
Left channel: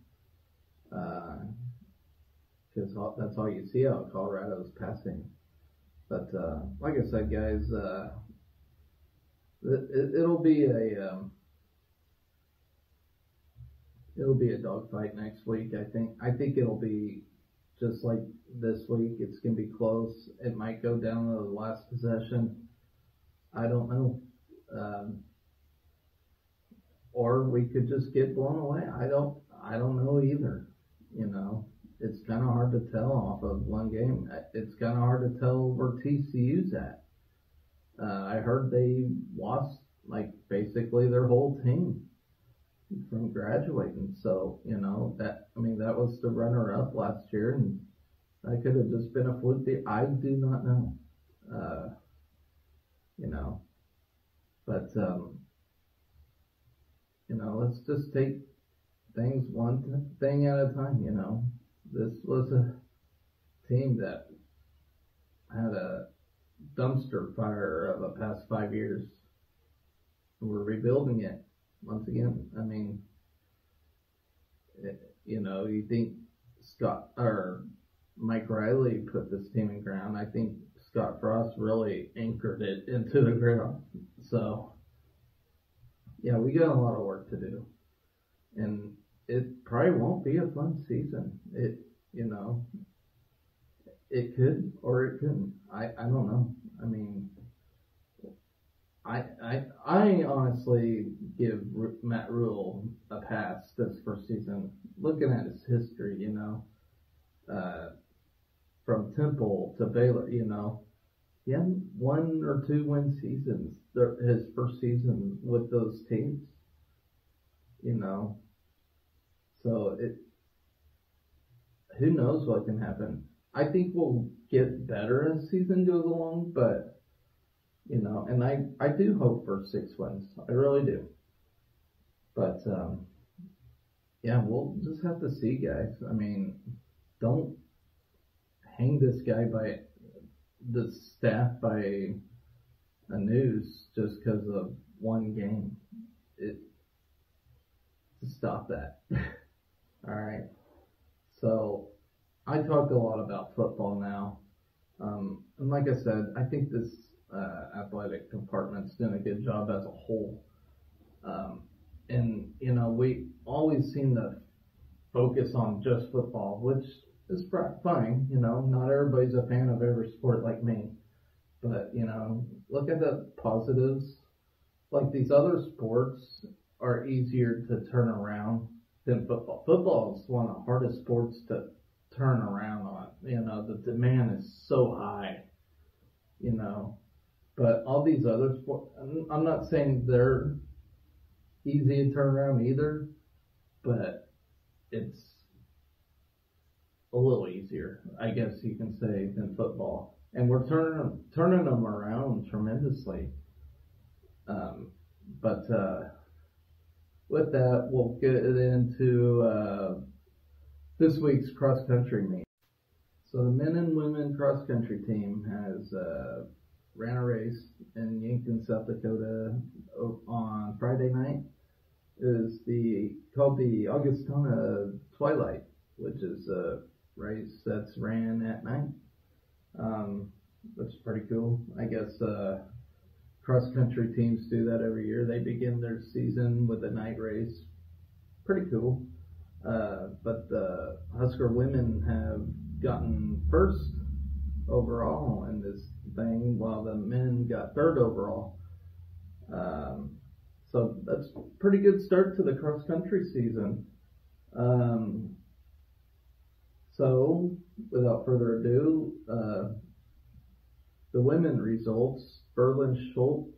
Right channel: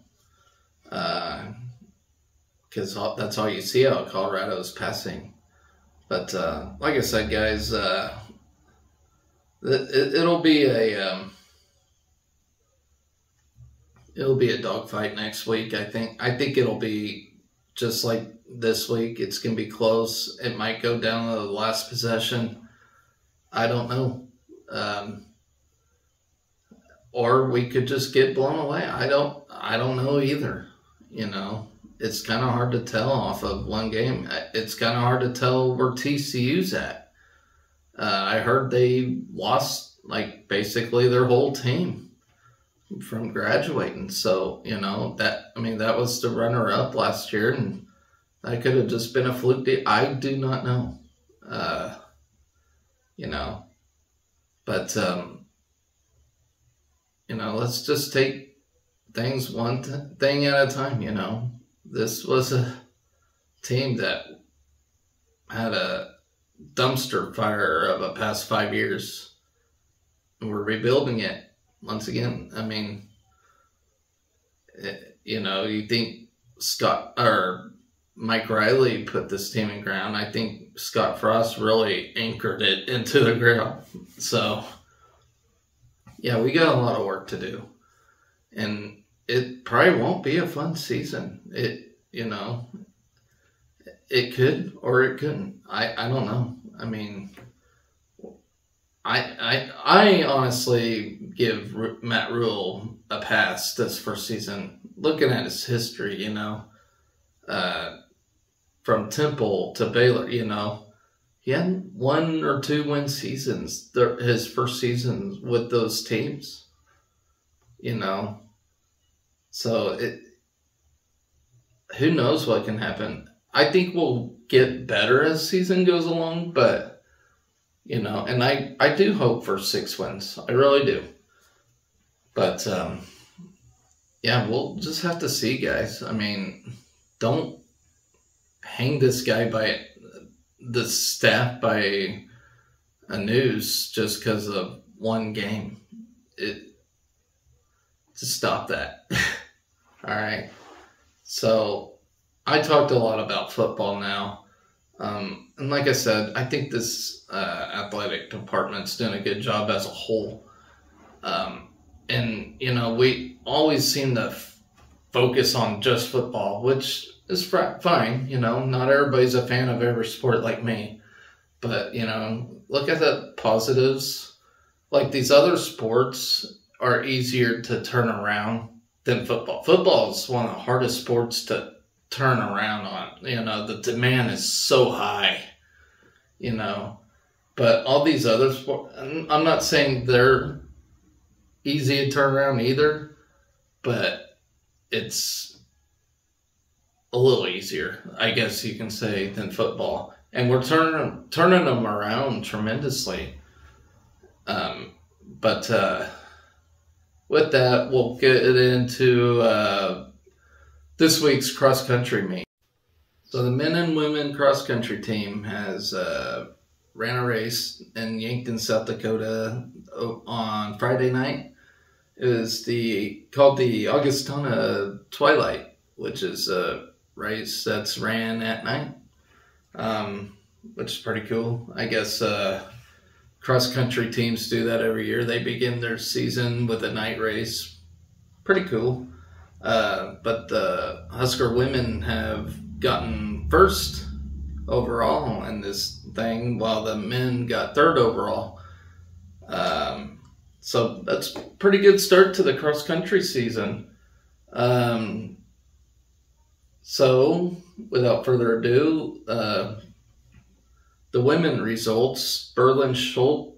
Because that's all you see out of Colorado is passing. But like I said, guys, it'll be a dogfight next week. I think it'll be just like this week. It's gonna be close. It might go down to the last possession. I don't know. Or we could just get blown away. I don't know either. It's kind of hard to tell off of one game. It's kind of hard to tell where TCU's at. I heard they lost basically their whole team from graduating. So, that was the runner-up last year, and that could have just been a fluke deal. I do not know. But, let's just take things one thing at a time, This was a team that had a dumpster fire of the past 5 years. And we're rebuilding it once again. I mean, you think Mike Riley put this team in ground. I think Scott Frost really anchored it into the ground. So, yeah, we got a lot of work to do. And it probably won't be a fun season. It could or it couldn't. I don't know. I mean, I honestly give Matt Rule a pass this first season. Looking at his history, from Temple to Baylor, he had 1 or 2 win seasons. His first seasons with those teams, So who knows what can happen? I think we'll get better as season goes along, but and I do hope for 6 wins. I really do. But yeah, we'll just have to see, guys. I mean, don't hang this guy by the staff by a noose just because of one game. Just stop that. All right. So I talked a lot about football now. And like I said, I think this athletic department's doing a good job as a whole. And, we always seem to focus on just football, which is fine. Not everybody's a fan of every sport like me. But, look at the positives. Like these other sports are easier to turn around than football. Football is one of the hardest sports to turn around on. The demand is so high, But all these other sports, I'm not saying they're easy to turn around either, but it's a little easier, I guess you can say, than football. And we're turning them around tremendously. But with that, we'll get into this week's cross-country meet. So the men and women cross-country team has ran a race in Yankton, South Dakota on Friday night. It was called the Augustana Twilight, which is a race that's ran at night, which is pretty cool. I guess cross-country teams do that every year. They begin their season with a night race. Pretty cool. But the Husker women have gotten first overall in this thing, while the men got third overall. So that's a pretty good start to the cross-country season. So without further ado, the women results, Berlin Schutz.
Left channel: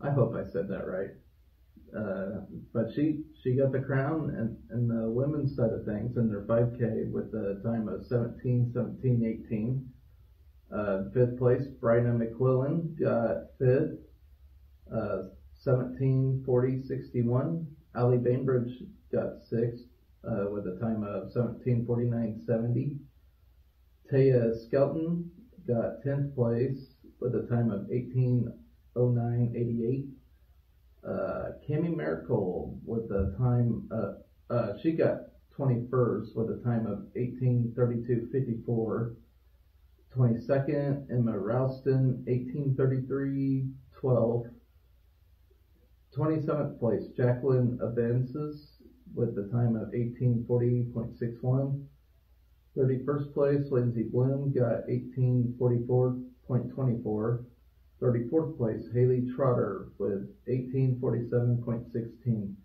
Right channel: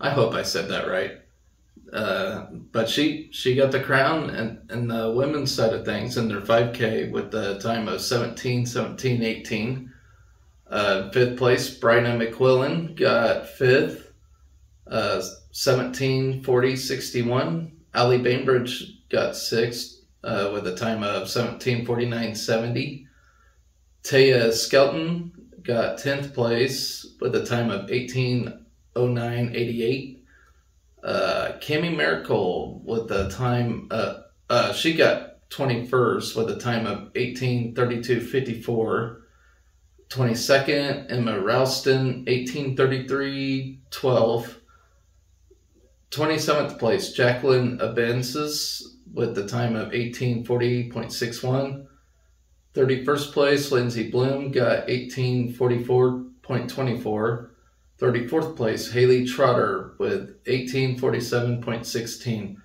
I hope I said that right. But she got the crown and the women's side of things in their 5K with the time of 17:17:18. Fifth place, Bryna McQuillan got fifth, 17:40:61. Allie Bainbridge got sixth, with a time of 17:49.70. Taya Skelton got 10th place with a time of 18:09.88. Cami Miracle with the time, she got 21st with a time of 18:32.54. 22nd, Emma Ralston, 18:33.12. 27th place, Jacqueline Abensis with the time of 18:40.61. 31st place, Lindsay Bloom got 18:44.24. 34th place, Haley Trotter with 18:47.16.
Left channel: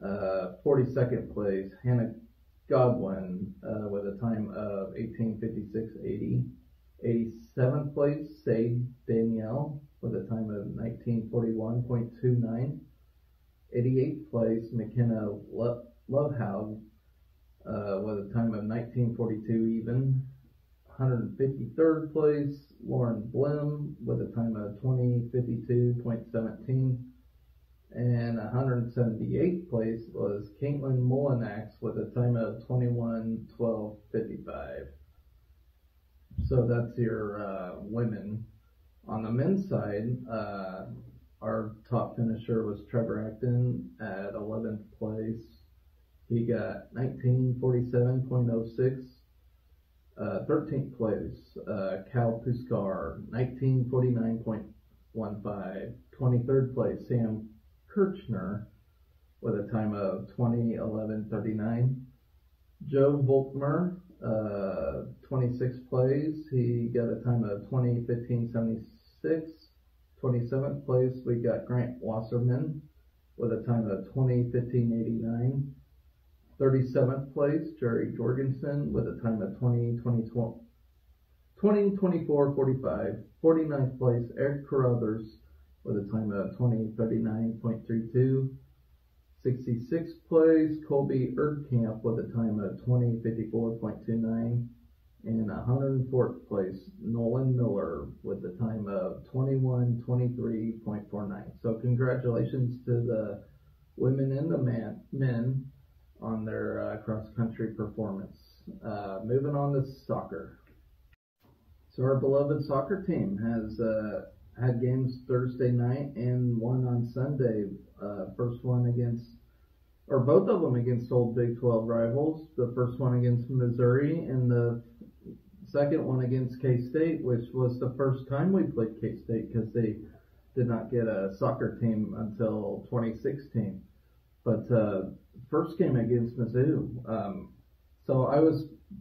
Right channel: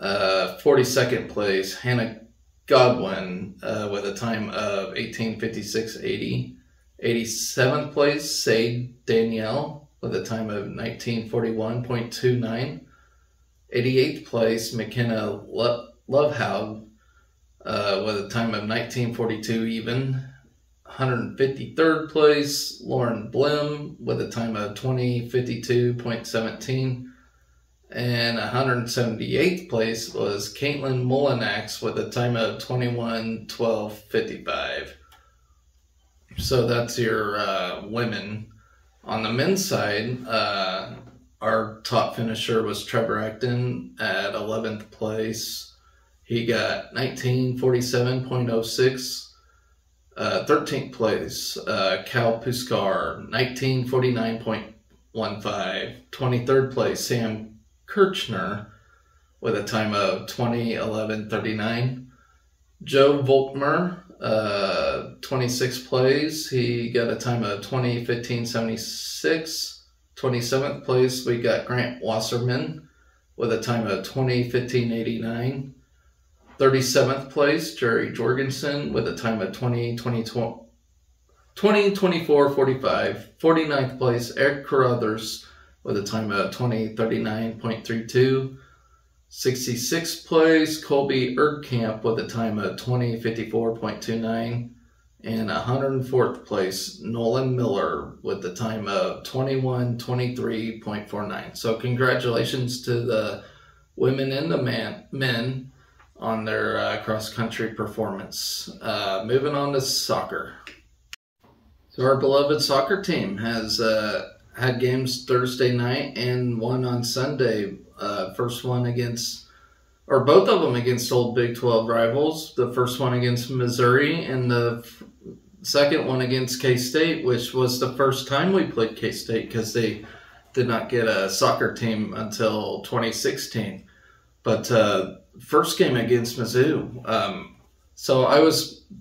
42nd place, Hannah Godwin with a time of 18:56.80. 87th place, Sade Danielle with a time of 19:41.29. 88th place, McKenna Lovehouse with a time of 19:42 even. 153rd place, Lauren Blim with a time of 20:52.17. And 178th place was Caitlin Mullinax with a time of 21:12.55. So that's your women. On the men's side, our top finisher was Trevor Acton at 11th place. He got 19:47.06. 13th place, Cal Puskar, 19:49.15. 23rd place, Sam Kirchner with a time of 20:11.39. Joe Volkmer, 26th place. He got a time of 20:15.76. 27th place, we got Grant Wasserman with a time of 20:15.89. 37th place, Jerry Jorgensen with a time of 20:24.45. 49th place, Eric Carruthers with a time of 20:39.32. 66th place, Colby Erdkamp with a time of 20:54.29. And 104th place, Nolan Miller with the time of 21:23.49. So congratulations to the women and the men on their cross-country performance. Moving on to soccer. So our beloved soccer team has had games Thursday night and one on Sunday. First one against, or both of them against old Big 12 rivals. The first one against Missouri and the second one against K-State, which was the first time we played K-State because they did not get a soccer team until 2016. But first game against Mizzou.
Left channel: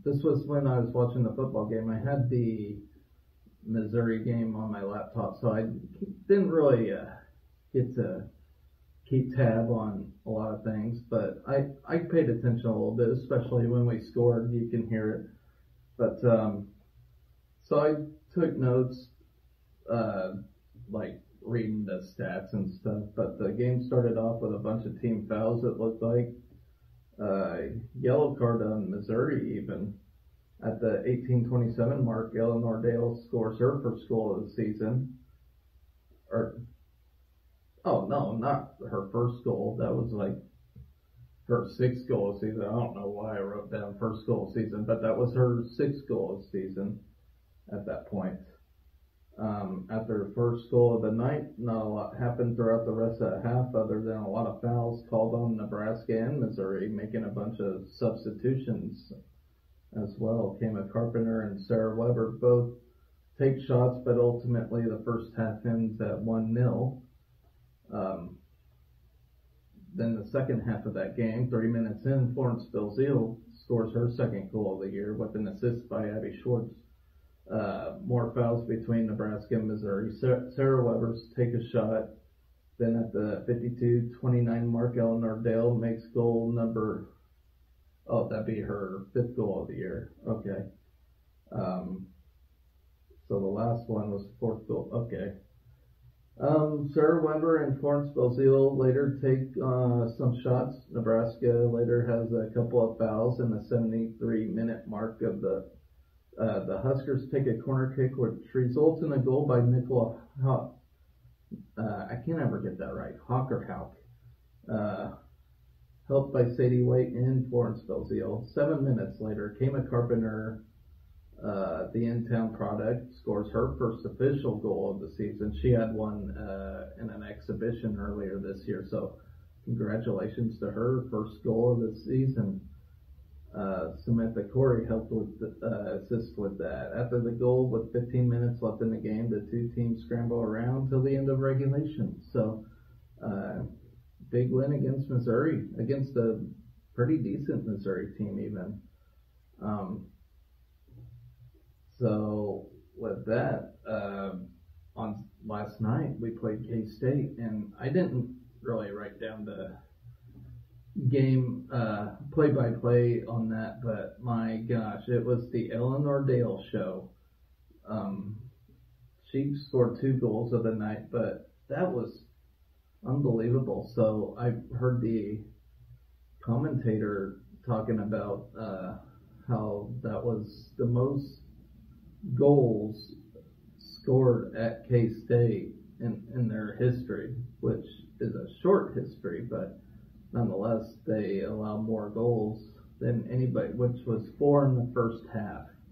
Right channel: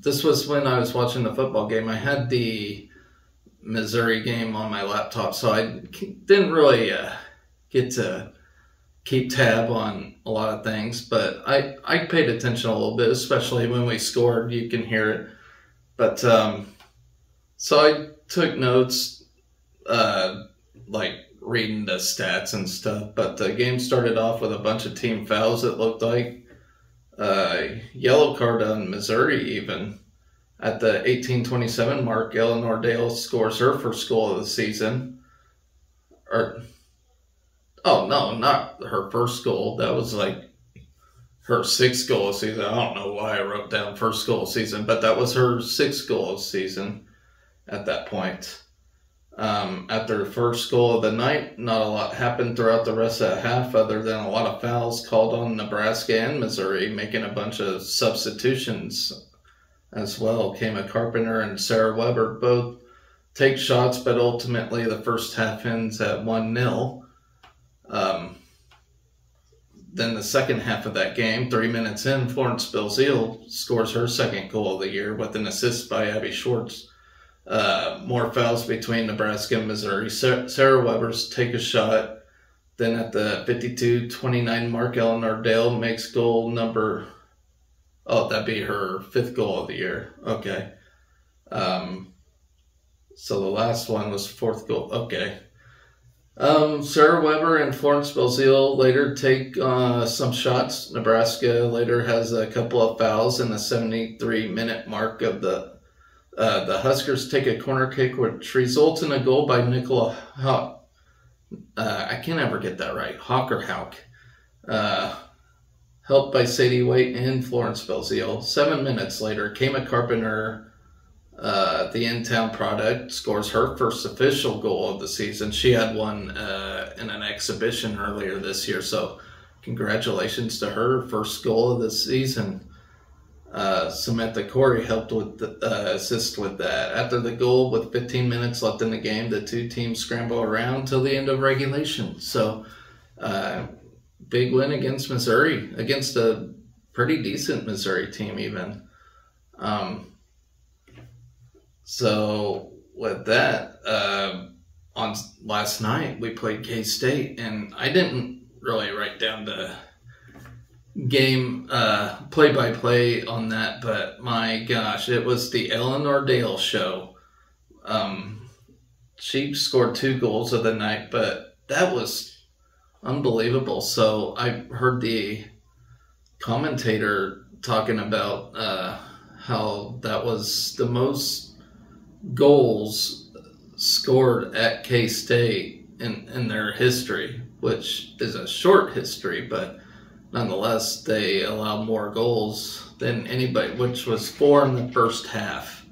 This was when I was watching the football game. I had the Missouri game on my laptop, so I didn't really get to keep tab on a lot of things, but I paid attention a little bit, especially when we scored. You can hear it. But so I took notes, like reading the stats and stuff, but the game started off with a bunch of team fouls. It looked like yellow card on Missouri even. At the 18:27 mark, Eleanor Dale scores her first goal of the season. Oh, no, not her first goal. That was like her sixth goal of the season. I don't know why I wrote down first goal of the season, but that was her sixth goal of the season at that point. After the first goal of the night, not a lot happened throughout the rest of the half other than a lot of fouls called on Nebraska and Missouri, making a bunch of substitutions as well. Kama Carpenter and Sarah Weber both take shots, but ultimately the first half ends at 1-0. Then the second half of that game, 3 minutes in, Florence Belzile scores her second goal of the year with an assist by Abby Schwartz. More fouls between Nebraska and Missouri. Sarah Weber's take a shot. Then at the 52:29 mark, Eleanor Dale makes goal number... Oh, that'd be her fifth goal of the year. Okay. So the last one was fourth goal. Okay. Sarah Weber and Florence Belzile later take some shots. Nebraska later has a couple of fouls in the 73-minute mark of the Huskers take a corner kick which results in a goal by Nicola Hawk. I can't ever get that right. Hawk or Hauk. helped by Sadie Waite and Florence Belzile. 7 minutes later, Kama Carpenter, the in-town product, scores her first official goal of the season. She had one in an exhibition earlier this year, so congratulations to her. First goal of the season. Samantha Corey helped with assist with that. After the goal, with 15 minutes left in the game, the two teams scramble around till the end of regulation. So, big win against Missouri, against a pretty decent Missouri team even. So with that, on last night we played K-State, and I didn't really write down the game play-by-play on that, but my gosh, it was the Eleanor Dale show. She scored 2 goals of the night, but that was unbelievable. So I heard the commentator talking about how that was the most goals scored at K-State in their history, which is a short history, but nonetheless, they allowed more goals than anybody, which was 4 in the first half.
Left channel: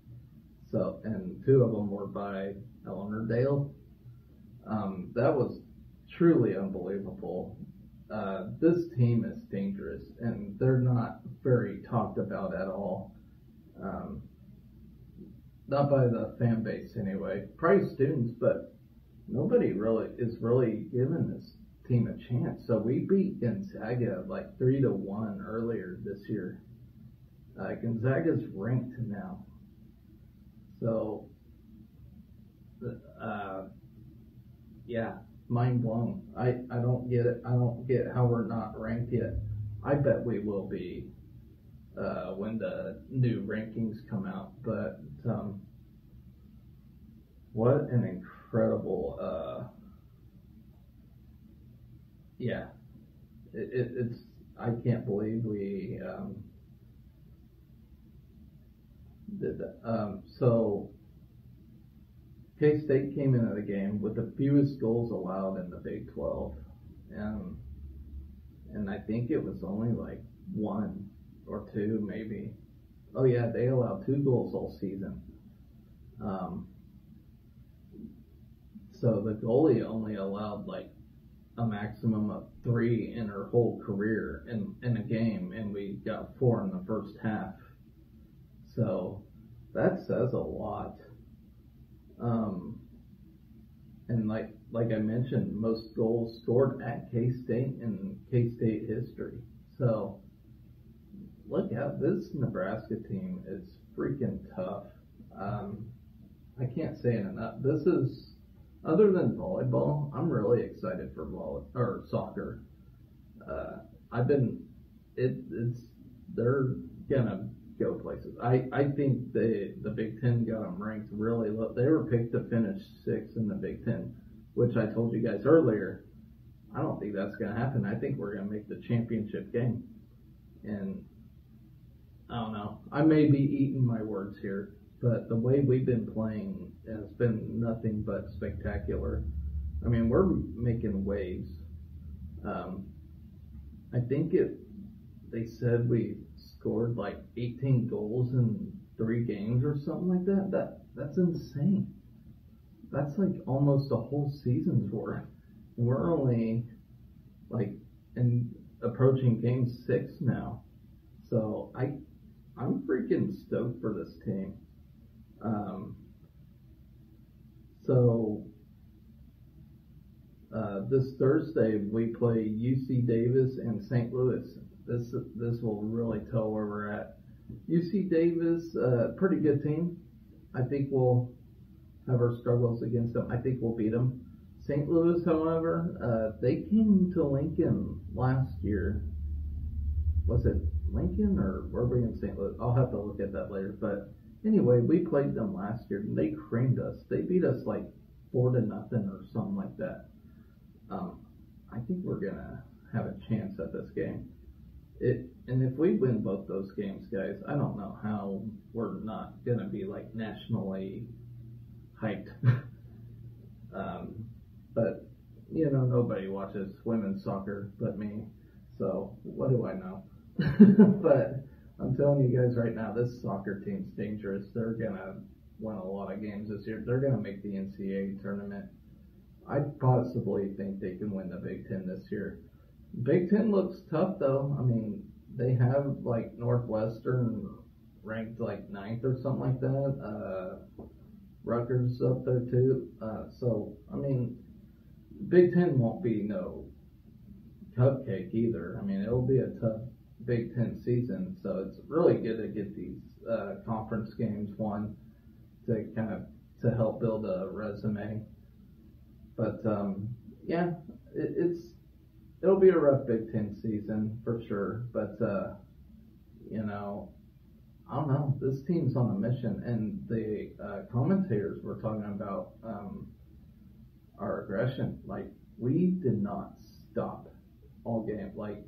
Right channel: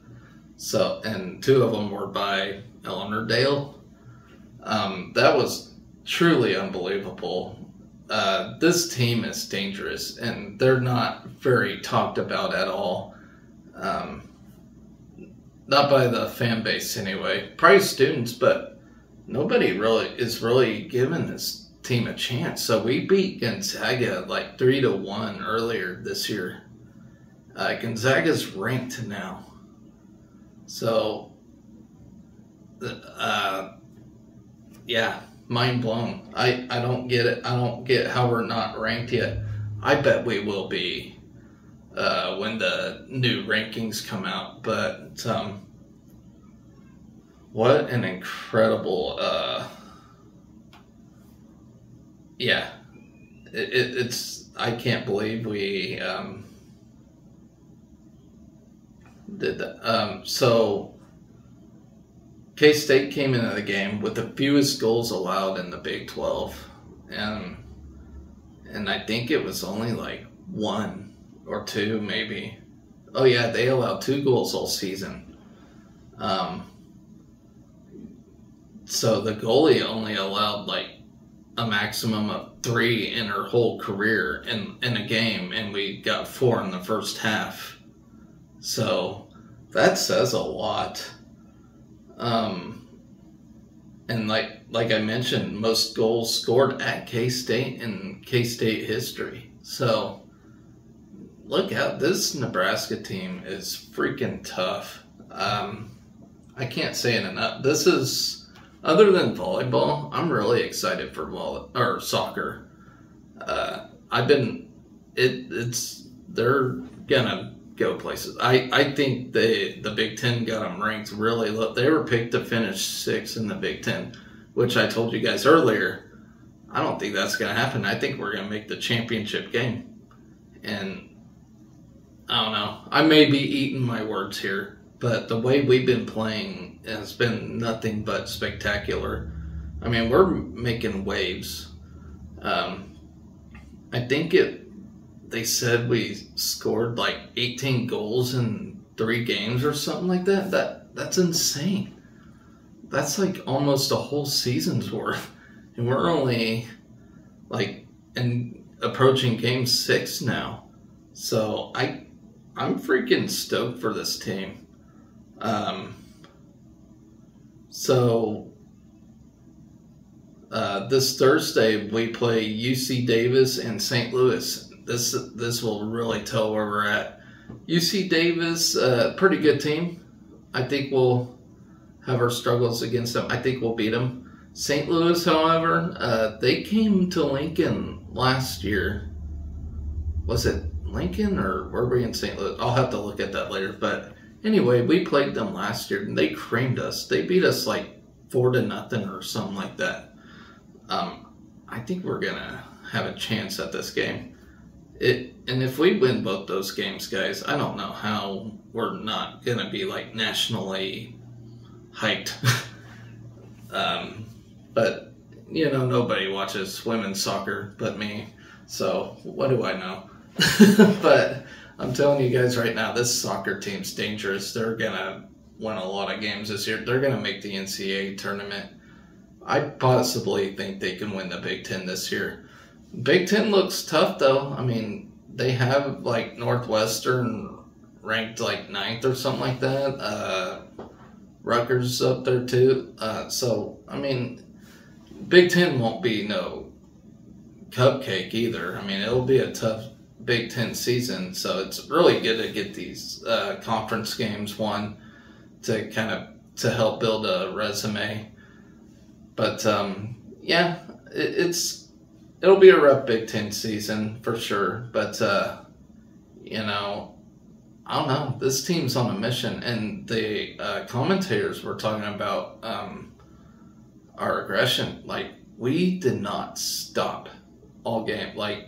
So, and 2 of them were by Eleanor Dale. That was truly unbelievable. This team is dangerous, and they're not very talked about at all. Not by the fan base anyway. Probably students, but nobody really is giving this team a chance. So we beat Gonzaga like 3-1 earlier this year. Gonzaga's ranked now. So, yeah, mind blown. I don't get it. I don't get how we're not ranked yet. I bet we will be when the new rankings come out. But what an incredible, yeah, it's, I can't believe we did that. So K-State came into the game with the fewest goals allowed in the Big 12, and I think it was only like 1 or 2 maybe. Oh yeah, they allowed 2 goals all season. So the goalie only allowed like a maximum of 3 in her whole career in a game, and we got 4 in the first half. So that says a lot. And like I mentioned, most goals scored at K-State in K-State history. So look out, this Nebraska team is freaking tough. I can't say it enough. This is, other than volleyball, I'm really excited for soccer. They're gonna go places. I think the Big Ten got them ranked really low. They were picked to finish 6th in the Big Ten, which I told you guys earlier. I don't think that's gonna happen. I think we're gonna make the championship game, and I don't know. I may be eating my words here, but the way we've been playing has been nothing but spectacular. I mean, we're making waves. I think they said we scored like 18 goals in 3 games or something like that. That's insane. That's like almost a whole season's worth. And we're only like approaching game 6 now. So I'm freaking stoked for this team. This Thursday we play UC Davis and St. Louis. This will really tell where we're at. UC Davis, pretty good team. I think we'll have our struggles against them. I think we'll beat them. St. Louis, however, they came to Lincoln last year. Was it Lincoln or were we in St. Louis? I'll have to look at that later. But anyway, we played them last year and they creamed us. They beat us like 4-0 or something like that. I think we're gonna have a chance at this game. And if we win both those games, guys, I don't know how we're not gonna be like nationally hyped. But you know, nobody watches women's soccer but me. So what do I know? But I'm telling you guys right now, this soccer team's dangerous. They're going to win a lot of games this year. They're going to make the NCAA tournament. I possibly think they can win the Big Ten this year. Big Ten looks tough, though. I mean, they have, like, Northwestern ranked, like, 9th or something like that. Rutgers up there, too. So, I mean, Big Ten won't be no cupcake either. I mean, it'll be a tough Big Ten season, so it's really good to get these conference games won to kind of to help build a resume. But yeah, it'll be a rough Big Ten season for sure. But you know, I don't know. This team's on a mission, and the commentators were talking about our aggression. Like, we did not stop all game. Like,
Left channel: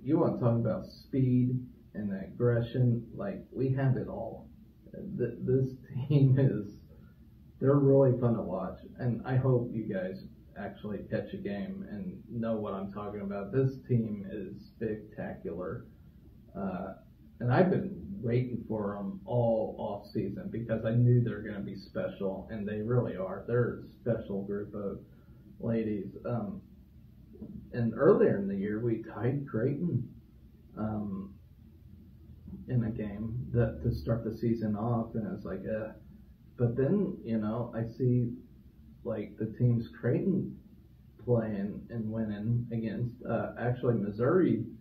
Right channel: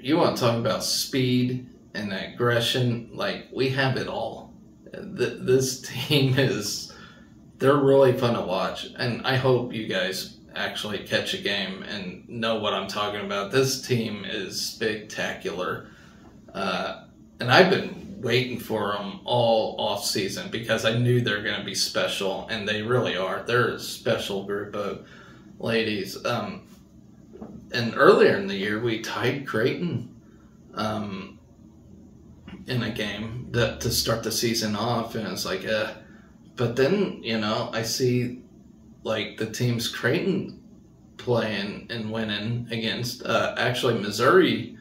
you want to talk about speed and aggression? Like, we have it all. This team they're really fun to watch, and I hope you guys actually catch a game and know what I'm talking about. This team is spectacular, and I've been waiting for them all off season because I knew they're going to be special, and they really are. They're a special group of ladies. And earlier in the year, we tied Creighton in a game to start the season off, and it's like, but then, you know, I see, like, the teams Creighton playing and winning against. Actually, Missouri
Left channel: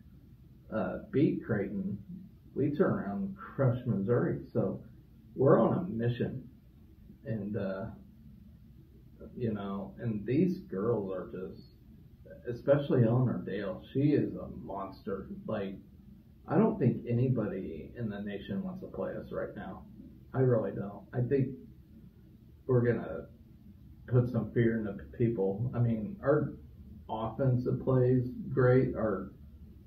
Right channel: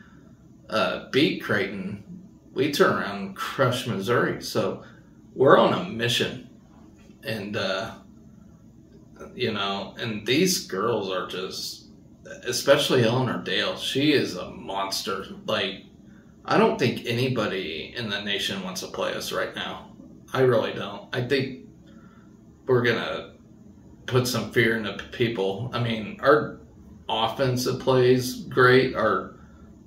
beat Creighton. We turn around and crush Missouri. So we're on a mission. And, you know, and these girls are just, especially Eleanor Dale, she is a monster. Like, I don't think anybody in the nation wants to play us right now. I really don't. I think we're going to put some fear into people. I mean, our offensive plays great. Our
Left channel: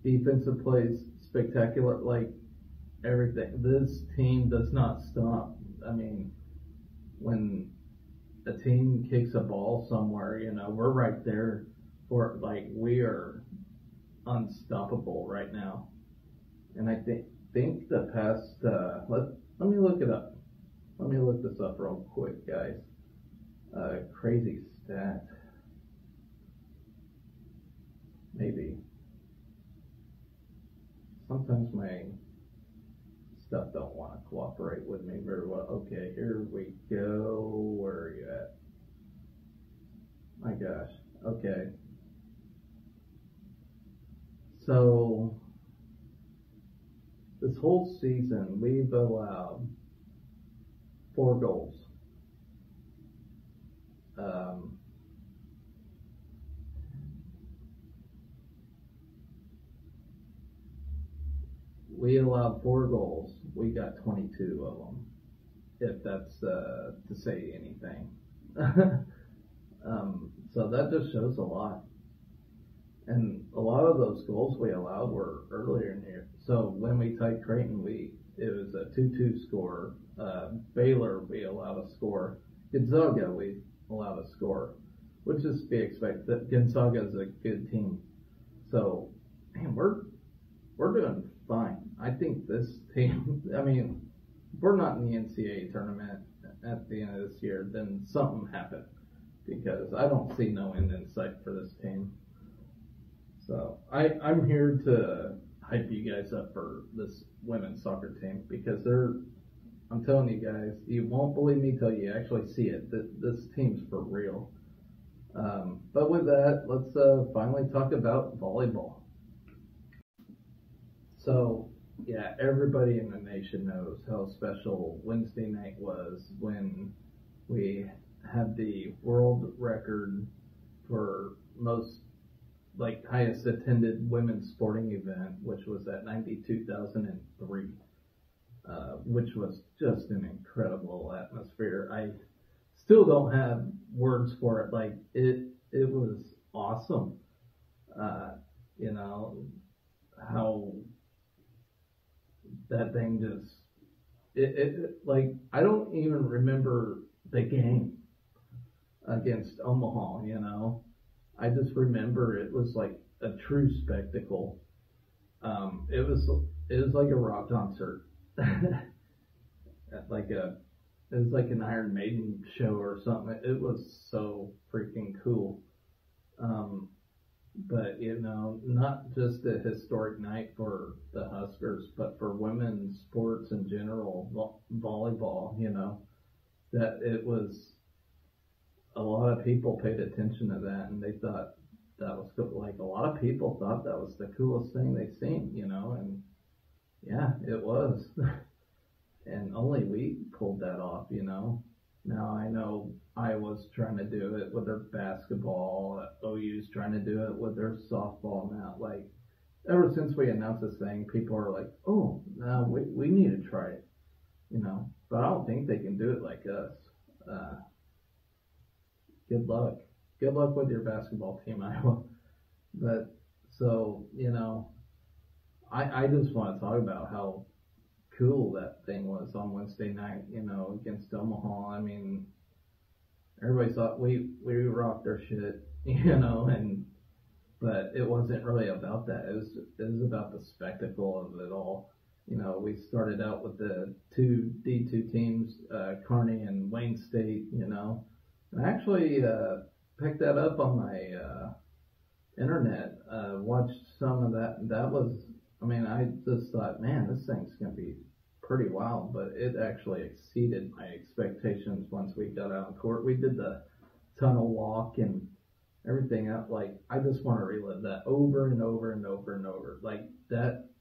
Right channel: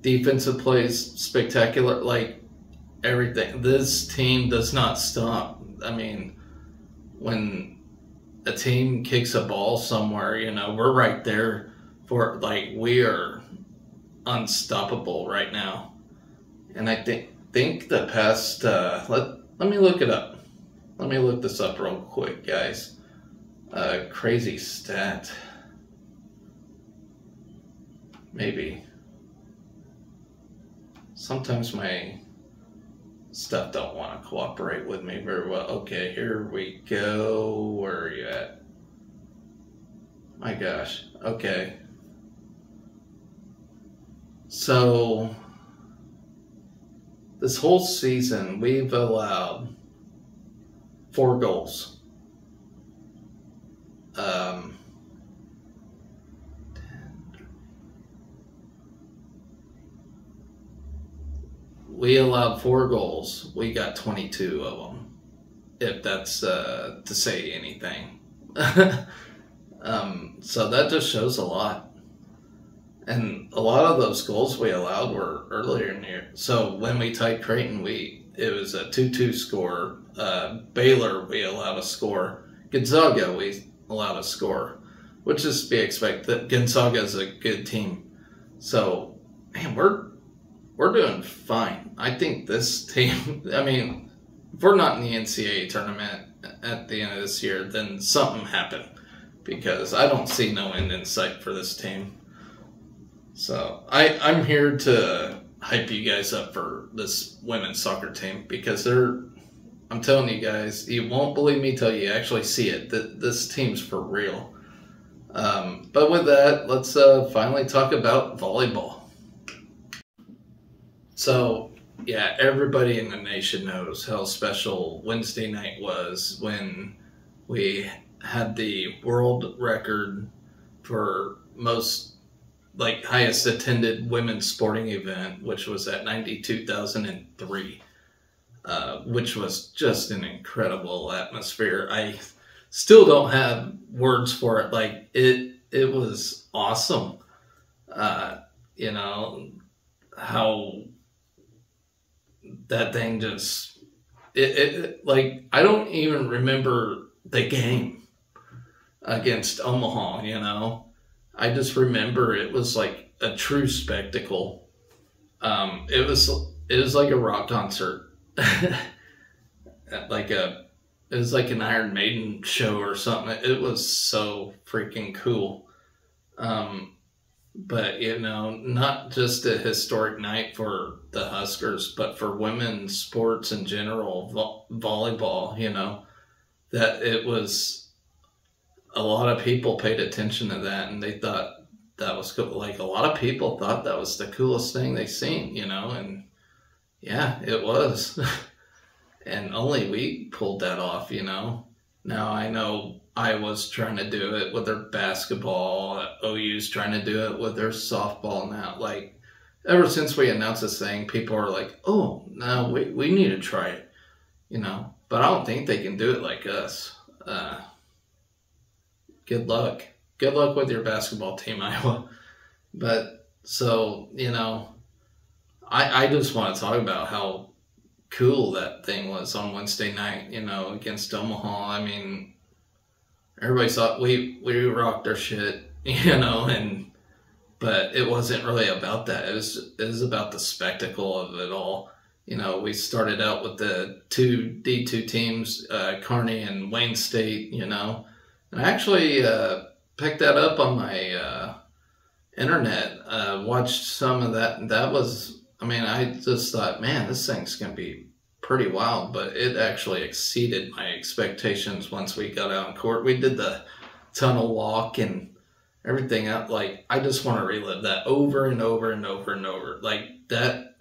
defensive plays spectacular. Like, everything. This team does not stop. I mean, when a team kicks a ball somewhere, you know, we're right there for, like, we are unstoppable right now. And I think the past, let me look it up. Let me look this up real quick, guys. Crazy stat. Maybe. Sometimes my stuff don't want to cooperate with me very well. Okay, here we go. Where are you at? My gosh. Okay. So, this whole season, we've allowed 4 goals. We allowed 4 goals. We got 22 of them, if that's to say anything. So that just shows a lot. And a lot of those goals we allowed were earlier in the year. So when we tied Creighton, it was a 2-2 score. Baylor, we allowed a score. Gonzaga, we allowed a score, which is to be expected. Gonzaga is a good team. So, man, we're doing fine. I think this team, I mean, if we're not in the NCAA tournament at the end of this year, then something happened, because I don't see no end in sight for this team. So I'm here to hype you guys up for this women's soccer team, because I'm telling you guys, you won't believe me till you actually see it. This team's for real. But with that, let's finally talk about volleyball. So, yeah, everybody in the nation knows how special Wednesday night was when we had the world record for most, like, highest attended women's sporting event, which was at 92,003, which was just an incredible atmosphere. I still don't have words for it. Like, it was awesome. You know, how that thing just, like, I don't even remember the game against Omaha, you know. I just remember it was like a true spectacle. It was like a rock concert, it was like an Iron Maiden show or something. It was so freaking cool. But not just a historic night for the Huskers, but for women's sports in general, volleyball. That it was a lot of people paid attention to that, and they thought that was cool. Like, a lot of people thought that was the coolest thing they've seen, and yeah, it was. And only we pulled that off, Now I know Iowa's trying to do it with their basketball. OU's trying to do it with their softball now. Like, ever since we announced this thing, people are like, oh, no, we need to try it, But I don't think they can do it like us. Good luck. Good luck with your basketball team, Iowa. But, so, I just want to talk about how cool that thing was on Wednesday night, against Omaha. I mean, everybody thought we rocked our shit, but it wasn't really about that. It was about the spectacle of it all. We started out with the two D2 teams, Kearney and Wayne State, and I actually picked that up on my internet, watched some of that, and that was, I just thought, man, this thing's going to be pretty wild, but it actually exceeded my expectations once we got out in court. We did the tunnel walk and everything up. Like, I just want to relive that over and over and over and over. Like, that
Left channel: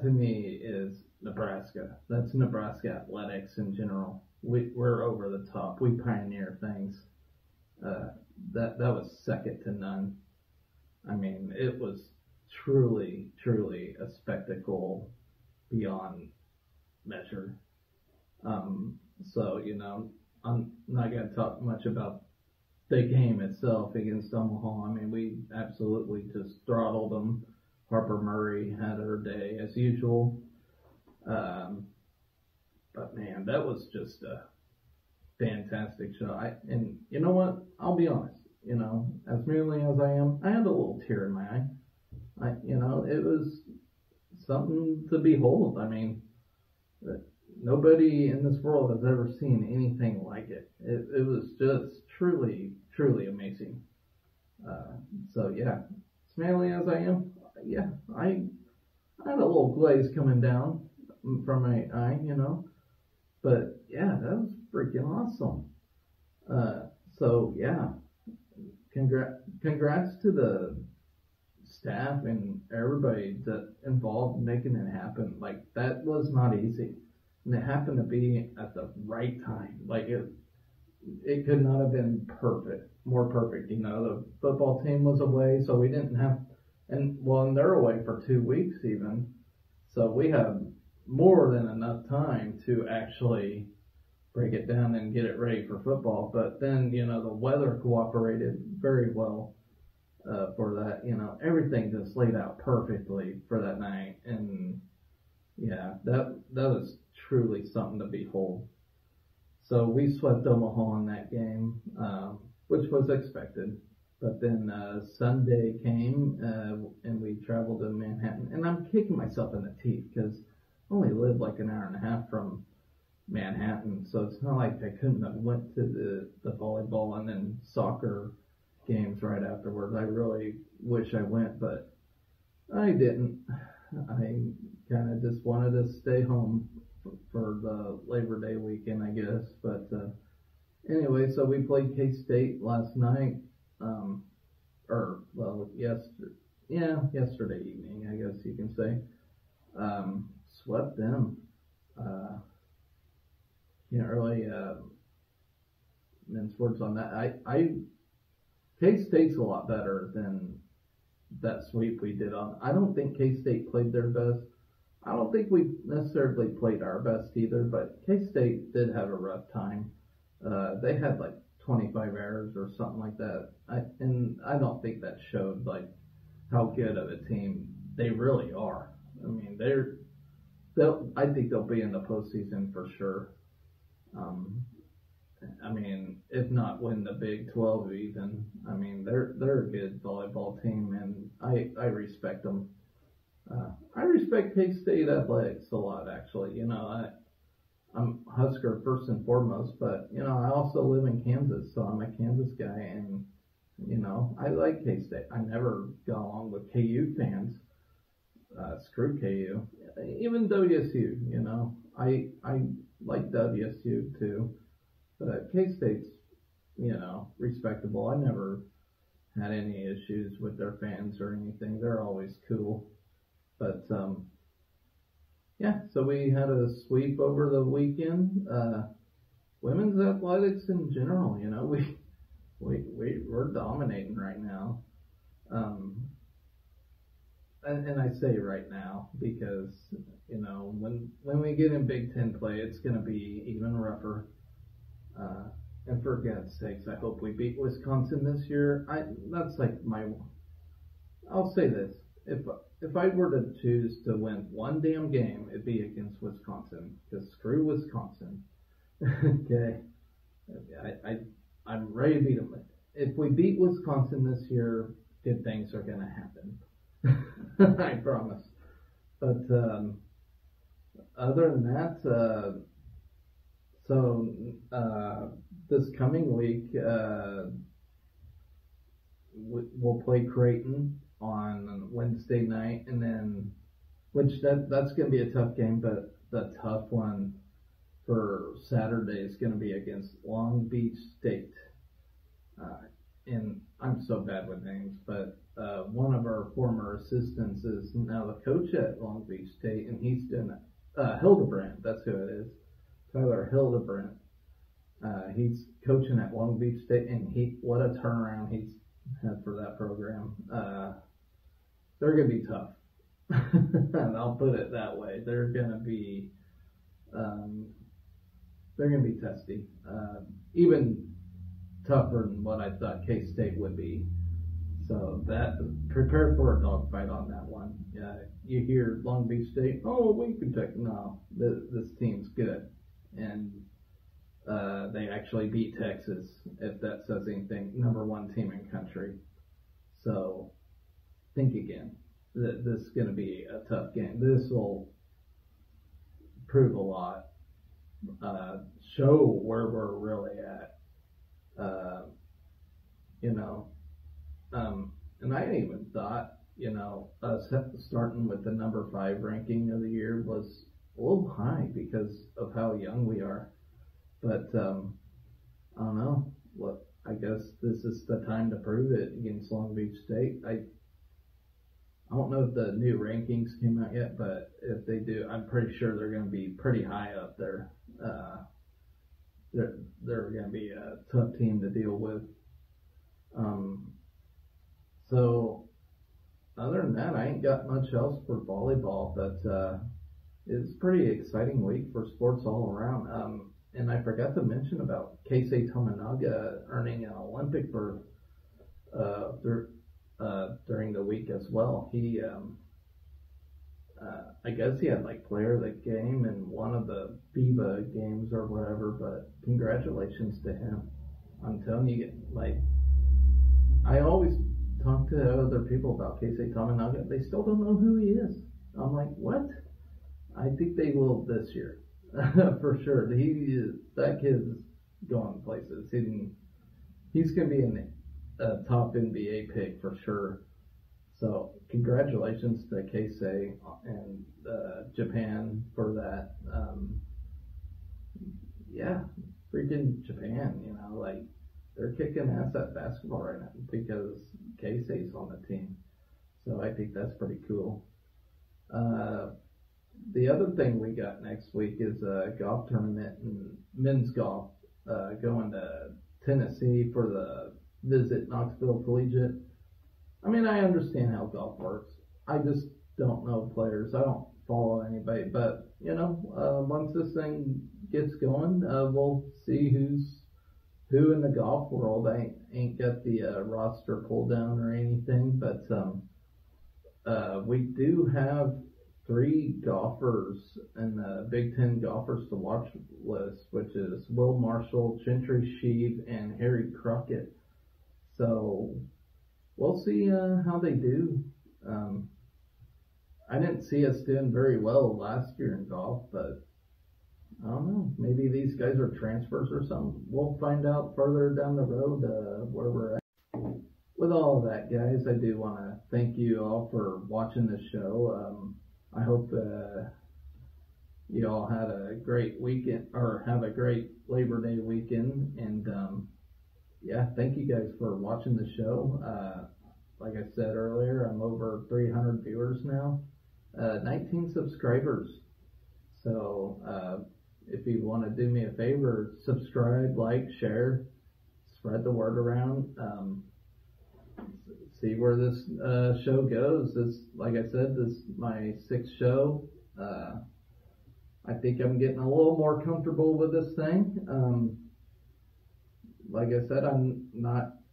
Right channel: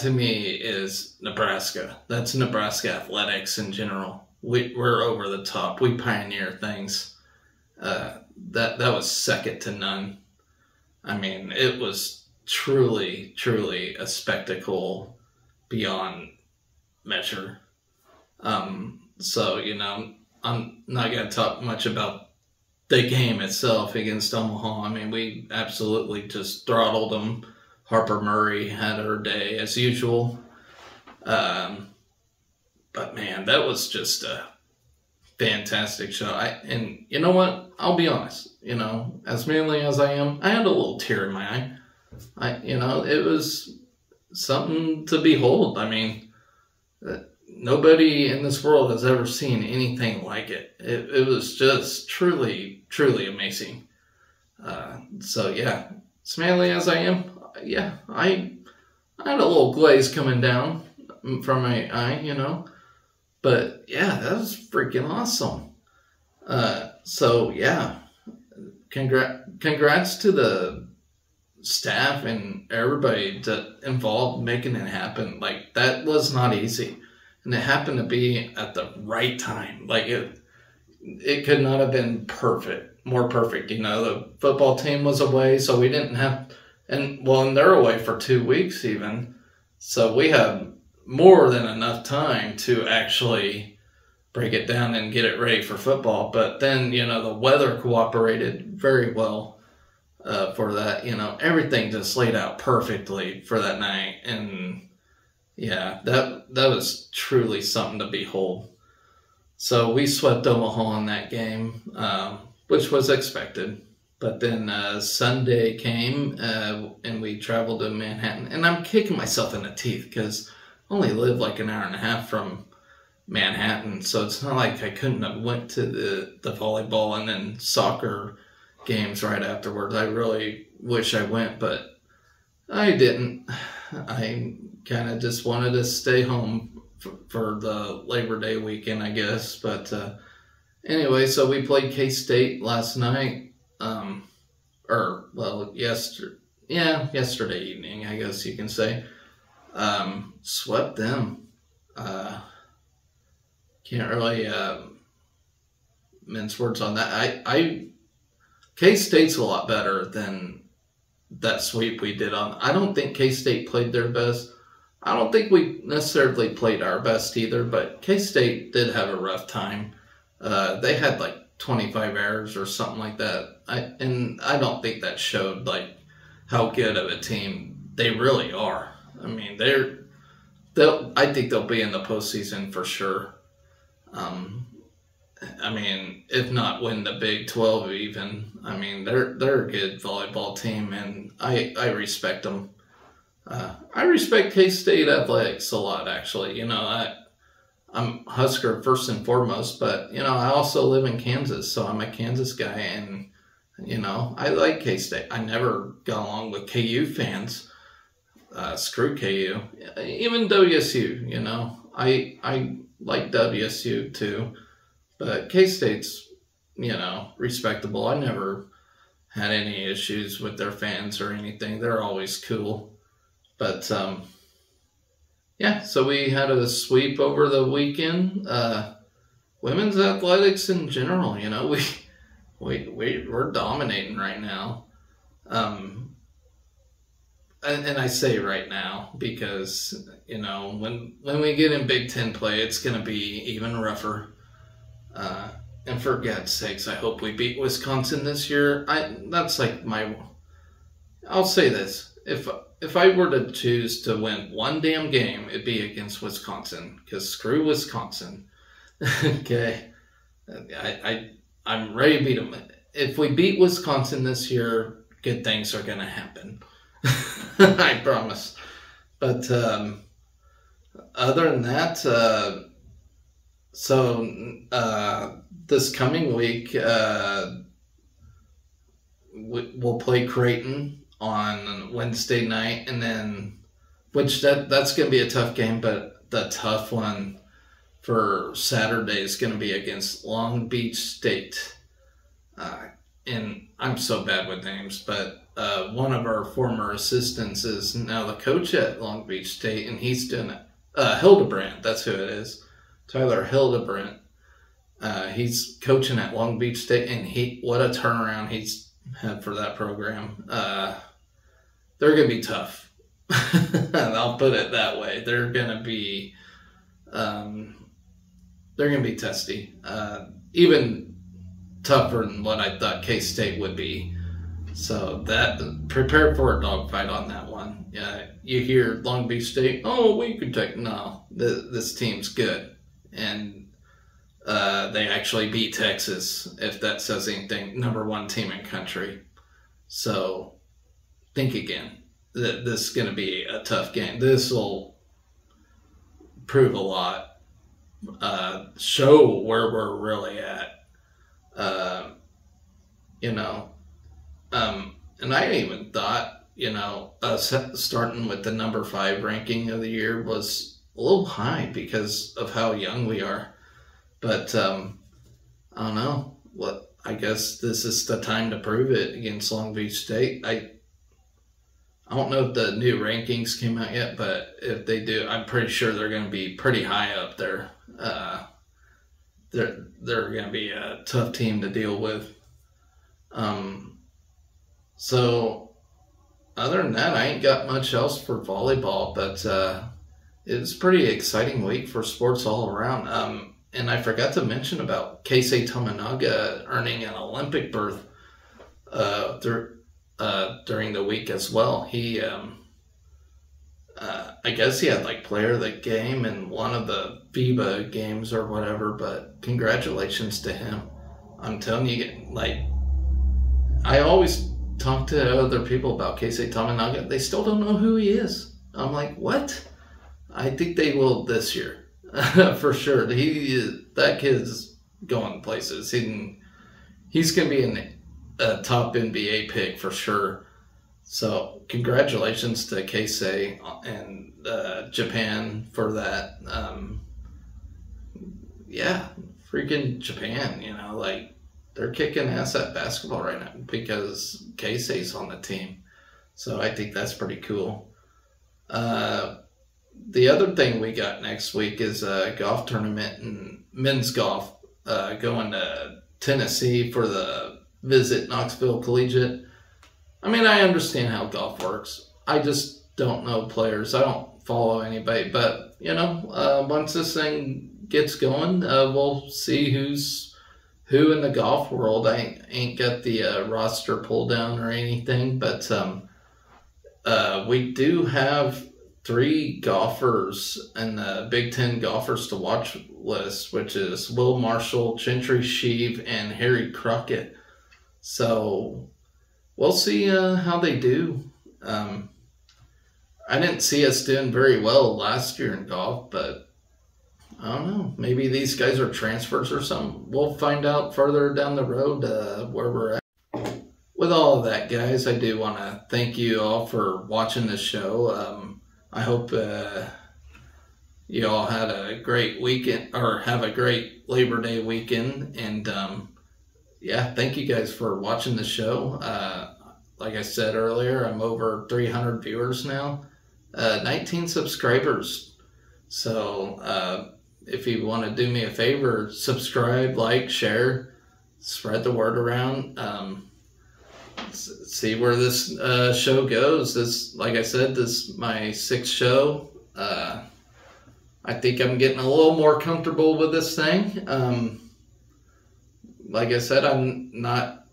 to me is Nebraska. That's Nebraska athletics in general. We're over the top. We pioneer things. That was second to none. It was truly, truly a spectacle beyond measure. So, I'm not going to talk much about the game itself against Omaha. We absolutely just throttled them. Harper Murray had her day as usual. But man, that was just a fantastic show. And you know what? I'll be honest, as manly as I am, I had a little tear in my eye. It was something to behold. Nobody in this world has ever seen anything like it. It was just truly, truly amazing. So yeah, as manly as I am, yeah, I had a little glaze coming down from my eye, but yeah, that was freaking awesome. So yeah, congrats to the staff and everybody involved making it happen. Like, that was not easy, and it happened to be at the right time. Like, it could not have been more perfect. The football team was away, so we didn't have, and they're away for 2 weeks even, so we had more than enough time to actually break it down and get it ready for football. But then, the weather cooperated very well for that. Everything just laid out perfectly for that night. And yeah, that was truly something to behold. So we swept Omaha in that game, which was expected. But then Sunday came, and we traveled to Manhattan. And I'm kicking myself in the teeth because I only live like an hour and a half from Manhattan. So it's not like I couldn't have went to the volleyball and then soccer games right afterwards. I really wish I went, but I didn't. I kind of just wanted to stay home for the Labor Day weekend, I guess. But anyway, so we played K-State last night. Yesterday evening, I guess you can say. Swept them. Can't really mince words on that. K-State's a lot better than that sweep we did on. I don't think K-State played their best. I don't think we necessarily played our best either, but K-State did have a rough time. They had like 25 errors or something like that. I don't think that showed like how good of a team they really are. I think they'll be in the postseason for sure. I mean, if not win the Big 12 even. I mean, they're a good volleyball team, and I respect them. I respect K-State athletics a lot, actually. I'm Husker first and foremost, but I also live in Kansas, so I'm a Kansas guy, and I like K-State. I never got along with KU fans. Screw KU. Even WSU. I like WSU too, but K-State's respectable. I never had any issues with their fans or anything. They're always cool. But yeah, so we had a sweep over the weekend. Women's athletics in general, we're dominating right now. And I say right now because when we get in Big Ten play, it's going to be even rougher. And for God's sakes, I hope we beat Wisconsin this year. I'll say this: if I were to choose to win one damn game, it'd be against Wisconsin, because screw Wisconsin. Okay, I'm ready to beat them. If we beat Wisconsin this year, good things are gonna happen. I promise. But other than that, this coming week, we'll play Creighton on Wednesday night, and then that's going to be a tough game, but the tough one for Saturday is going to be against Long Beach State. And I'm so bad with names, but one of our former assistants is now the coach at Long Beach State, and he's doing it. Hildebrandt, that's who it is. Tyler Hildebrandt. He's coaching at Long Beach State, and what a turnaround he's had for that program. They're going to be tough. I'll put it that way. They're going to be testy. Even tougher than what I thought K-State would be. So prepare for a dogfight on that one. Yeah, you hear Long Beach State, we could take. No, this team's good, and they actually beat Texas, if that says anything. #1 team in country. So think again. This is going to be a tough game. This will prove a lot. Show where we're really at. And I even thought, us starting with the number 5 ranking of the year was a little high because of how young we are. But I don't know. I guess this is the time to prove it against Long Beach State. I don't know if the new rankings came out yet, but if they do, I'm pretty sure they're going to be pretty high up there. They're going to be a tough team to deal with. So other than that, I ain't got much else for volleyball, but it's a pretty exciting week for sports all around. And I forgot to mention about Keisei Tominaga earning an Olympic berth during the week as well. He, I guess he had player of the game in one of the FIBA games or whatever, but congratulations to him. I'm telling you, I always talk to other people about Keisei Tominaga. They still don't know who he is. I'm like, what? I think they will this year. For sure. That kid's going places. He's going to be a top NBA pick for sure. So congratulations to Keisei and Japan for that. Yeah, freaking Japan, they're kicking ass at basketball right now because Keisei's on the team. So I think that's pretty cool. The other thing we got next week is a golf tournament and men's golf going to Tennessee for the Visit Knoxville Collegiate. I mean, I understand how golf works. I just don't know players. I don't follow anybody. But, once this thing gets going, we'll see who's who in the golf world. I ain't got the roster pulled down or anything. But we do have 3 golfers in the Big Ten golfers to watch list, which is Will Marshall, Gentry Sheave, and Harry Crockett. So we'll see how they do. I didn't see us doing very well last year in golf, but I don't know. Maybe these guys are transfers or something. We'll find out further down the road where we're at. With all of that, guys, I do want to thank you all for watching this show. I hope you all had a great weekend, or have a great Labor Day weekend. And yeah, thank you guys for watching the show. Like I said earlier, I'm over 300 viewers now, 19 subscribers. So if you want to do me a favor, subscribe, like, share, spread the word around. See where this show goes. This, like I said, this is my 6th show. I think I'm getting a little more comfortable with this thing. Like I said, I'm not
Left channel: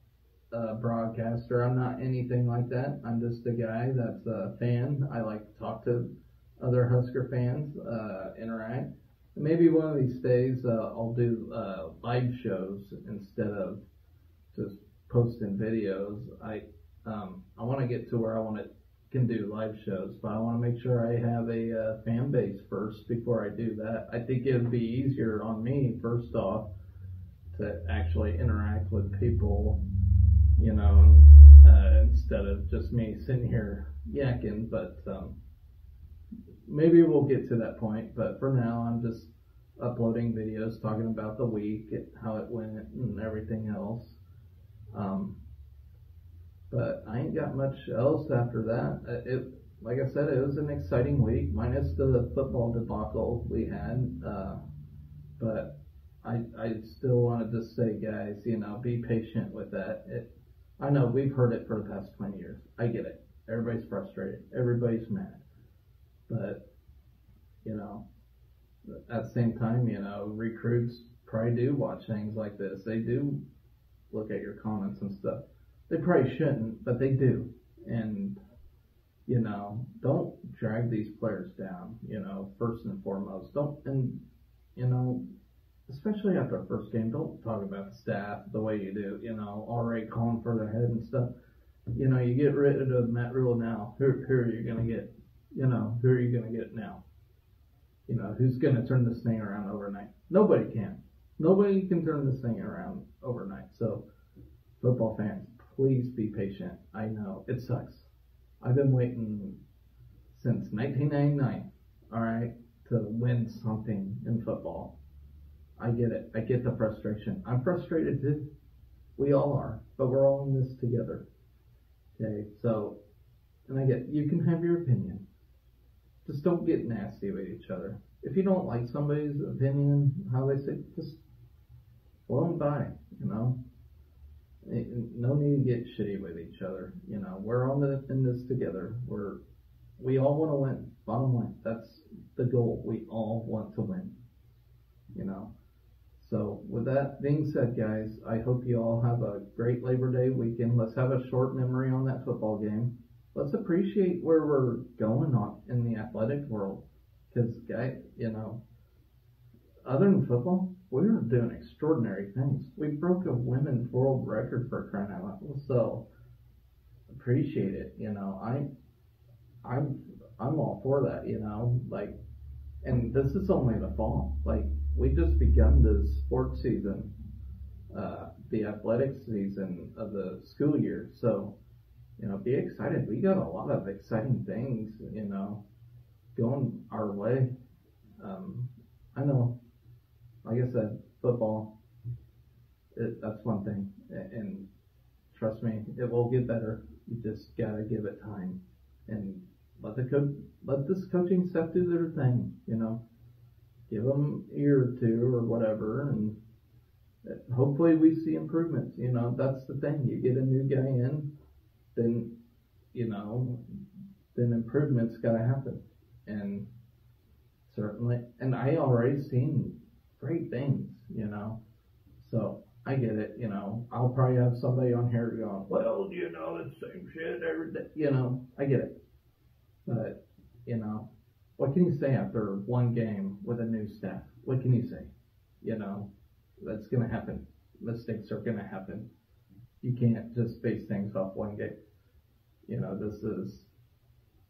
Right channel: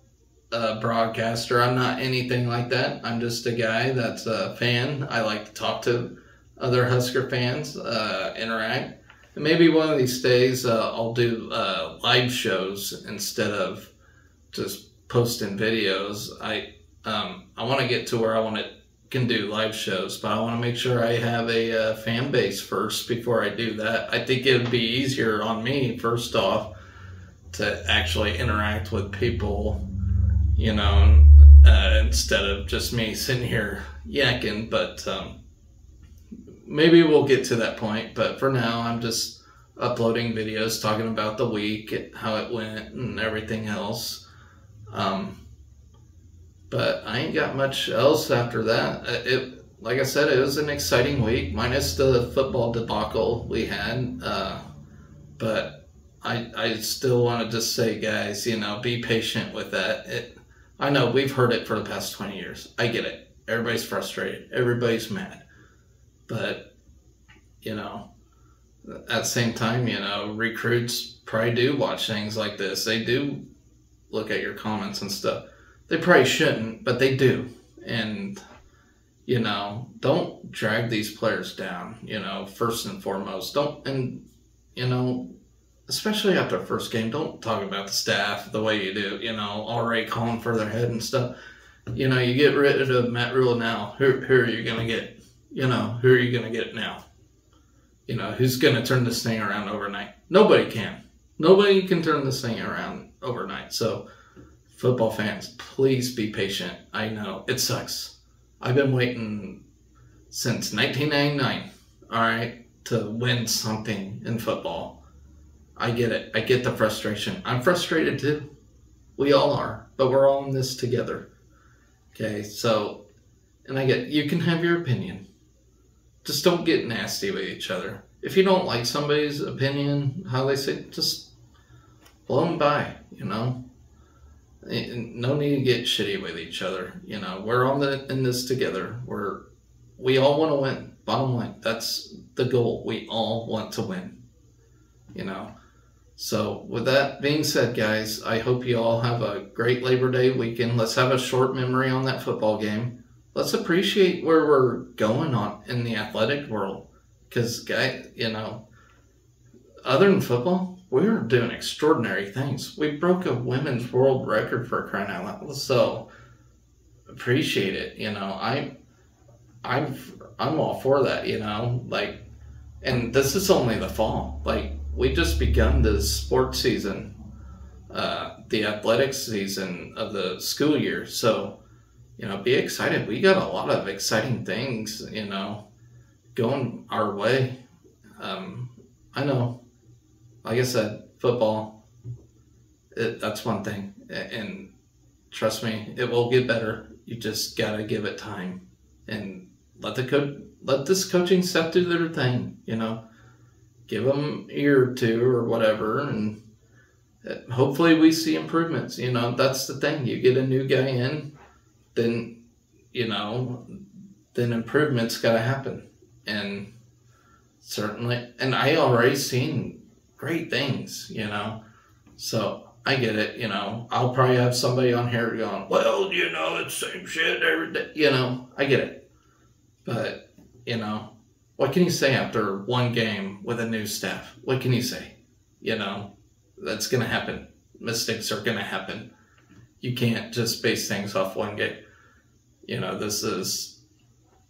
a broadcaster. I'm not anything like that. I'm just a guy that's a fan. I like to talk to other Husker fans, interact. And maybe one of these days I'll do live shows instead of just posting videos. I want to get to where can do live shows, but I want to make sure I have a fan base first before I do that. I think it would be easier on me, first off, to actually interact with people, you know, instead of just me sitting here yakking. But maybe we'll get to that point. But for now, I'm just uploading videos talking about the week, how it went, and everything else. But I ain't got much else after that. Like I said, it was an exciting week, minus the football debacle we had. But I still want to just say, guys, you know, be patient with that. I know we've heard it for the past 20 years. I get it. Everybody's frustrated. Everybody's mad. But, you know, at the same time, you know, recruits probably do watch things like this. They do look at your comments and stuff. They probably shouldn't, but they do. And, you know, don't drag these players down, you know, first and foremost. And, you know, especially after the first game, don't talk about the staff the way you do, you know, already calling for their head and stuff. You know, you get rid of Matt Rule now. Who are you going to get? You know, who are you going to get now? You know, who's going to turn this thing around overnight? Nobody can. Nobody can turn this thing around overnight. So, football fans, please be patient. I know, it sucks. I've been waiting since 1999, all right, to win something in football. I get it. I get the frustration. I'm frustrated too. We all are, but we're all in this together. Okay, so, and I get, you can have your opinion. Just don't get nasty with each other. If you don't like somebody's opinion, how they say, just blow them by, you know. No need to get shitty with each other. You know, we're all in this together. We all want to win. Bottom line, that's the goal. We all want to win. You know. So with that being said, guys, I hope you all have a great Labor Day weekend. Let's have a short memory on that football game. Let's appreciate where we're going on in the athletic world. Because, guys, you know, other than football, we were doing extraordinary things. We broke a women's world record, for crying out loud. So appreciate it. You know, I'm all for that. You know, like, and this is only the fall. Like, we just begun the sports season, the athletics season of the school year. So, you know, be excited. We got a lot of exciting things, you know, going our way. I know. Like I said, football, that's one thing. And trust me, it will get better. You just got to give it time. And let this coaching staff do their thing, you know. Give them a year or two or whatever. And hopefully we see improvements. You know, that's the thing. You get a new guy in, then, you know, then improvements got to happen. And certainly, and I already seen great things, you know, so I get it. You know, I'll probably have somebody on here going, well, you know, it's the same shit every day. You know, I get it. But, you know, what can you say after one game with a new staff? What can you say? You know, that's going to happen. Mistakes are going to happen. You can't just base things off one game. You know, this is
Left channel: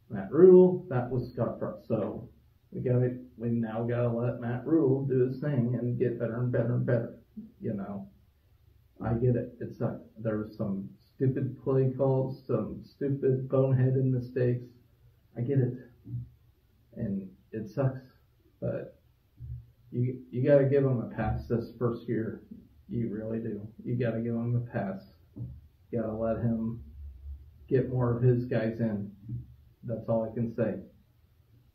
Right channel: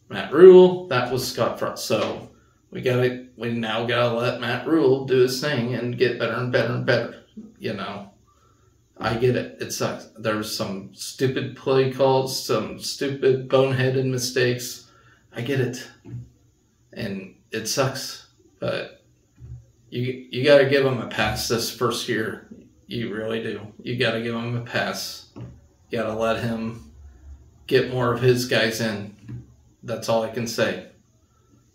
Matt Rule. That was Scott Frost. So we now gotta let Matt Rule do his thing and get better and better and better. You know, I get it. It sucks. There's some stupid play calls, some stupid boneheaded mistakes. I get it, and it sucks. But you got to give him a pass this first year. You really do. You got to give him a pass. You got to let him get more of his guys in. That's all I can say.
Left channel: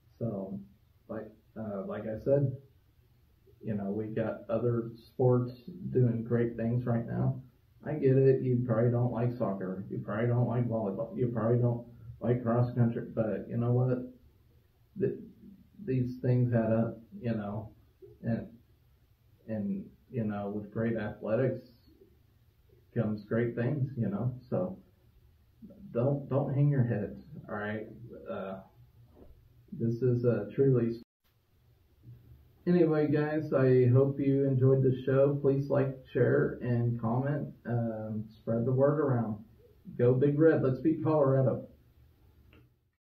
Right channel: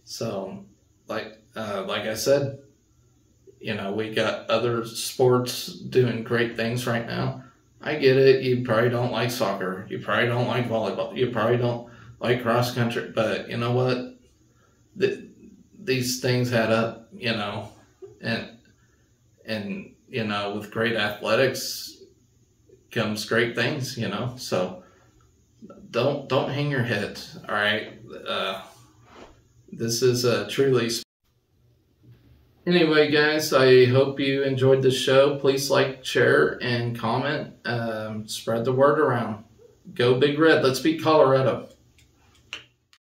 So, like I said, you know, we got other sports doing great things right now. I get it. You probably don't like soccer. You probably don't like volleyball. You probably don't like cross country. But you know what? These things add up, you know, and you know, with great athletics comes great things, you know. So don't hang your head. All right. This is truly. Anyway, guys, I hope you enjoyed the show. Please like, share, and comment. Spread the word around. Go Big Red. Let's beat Colorado.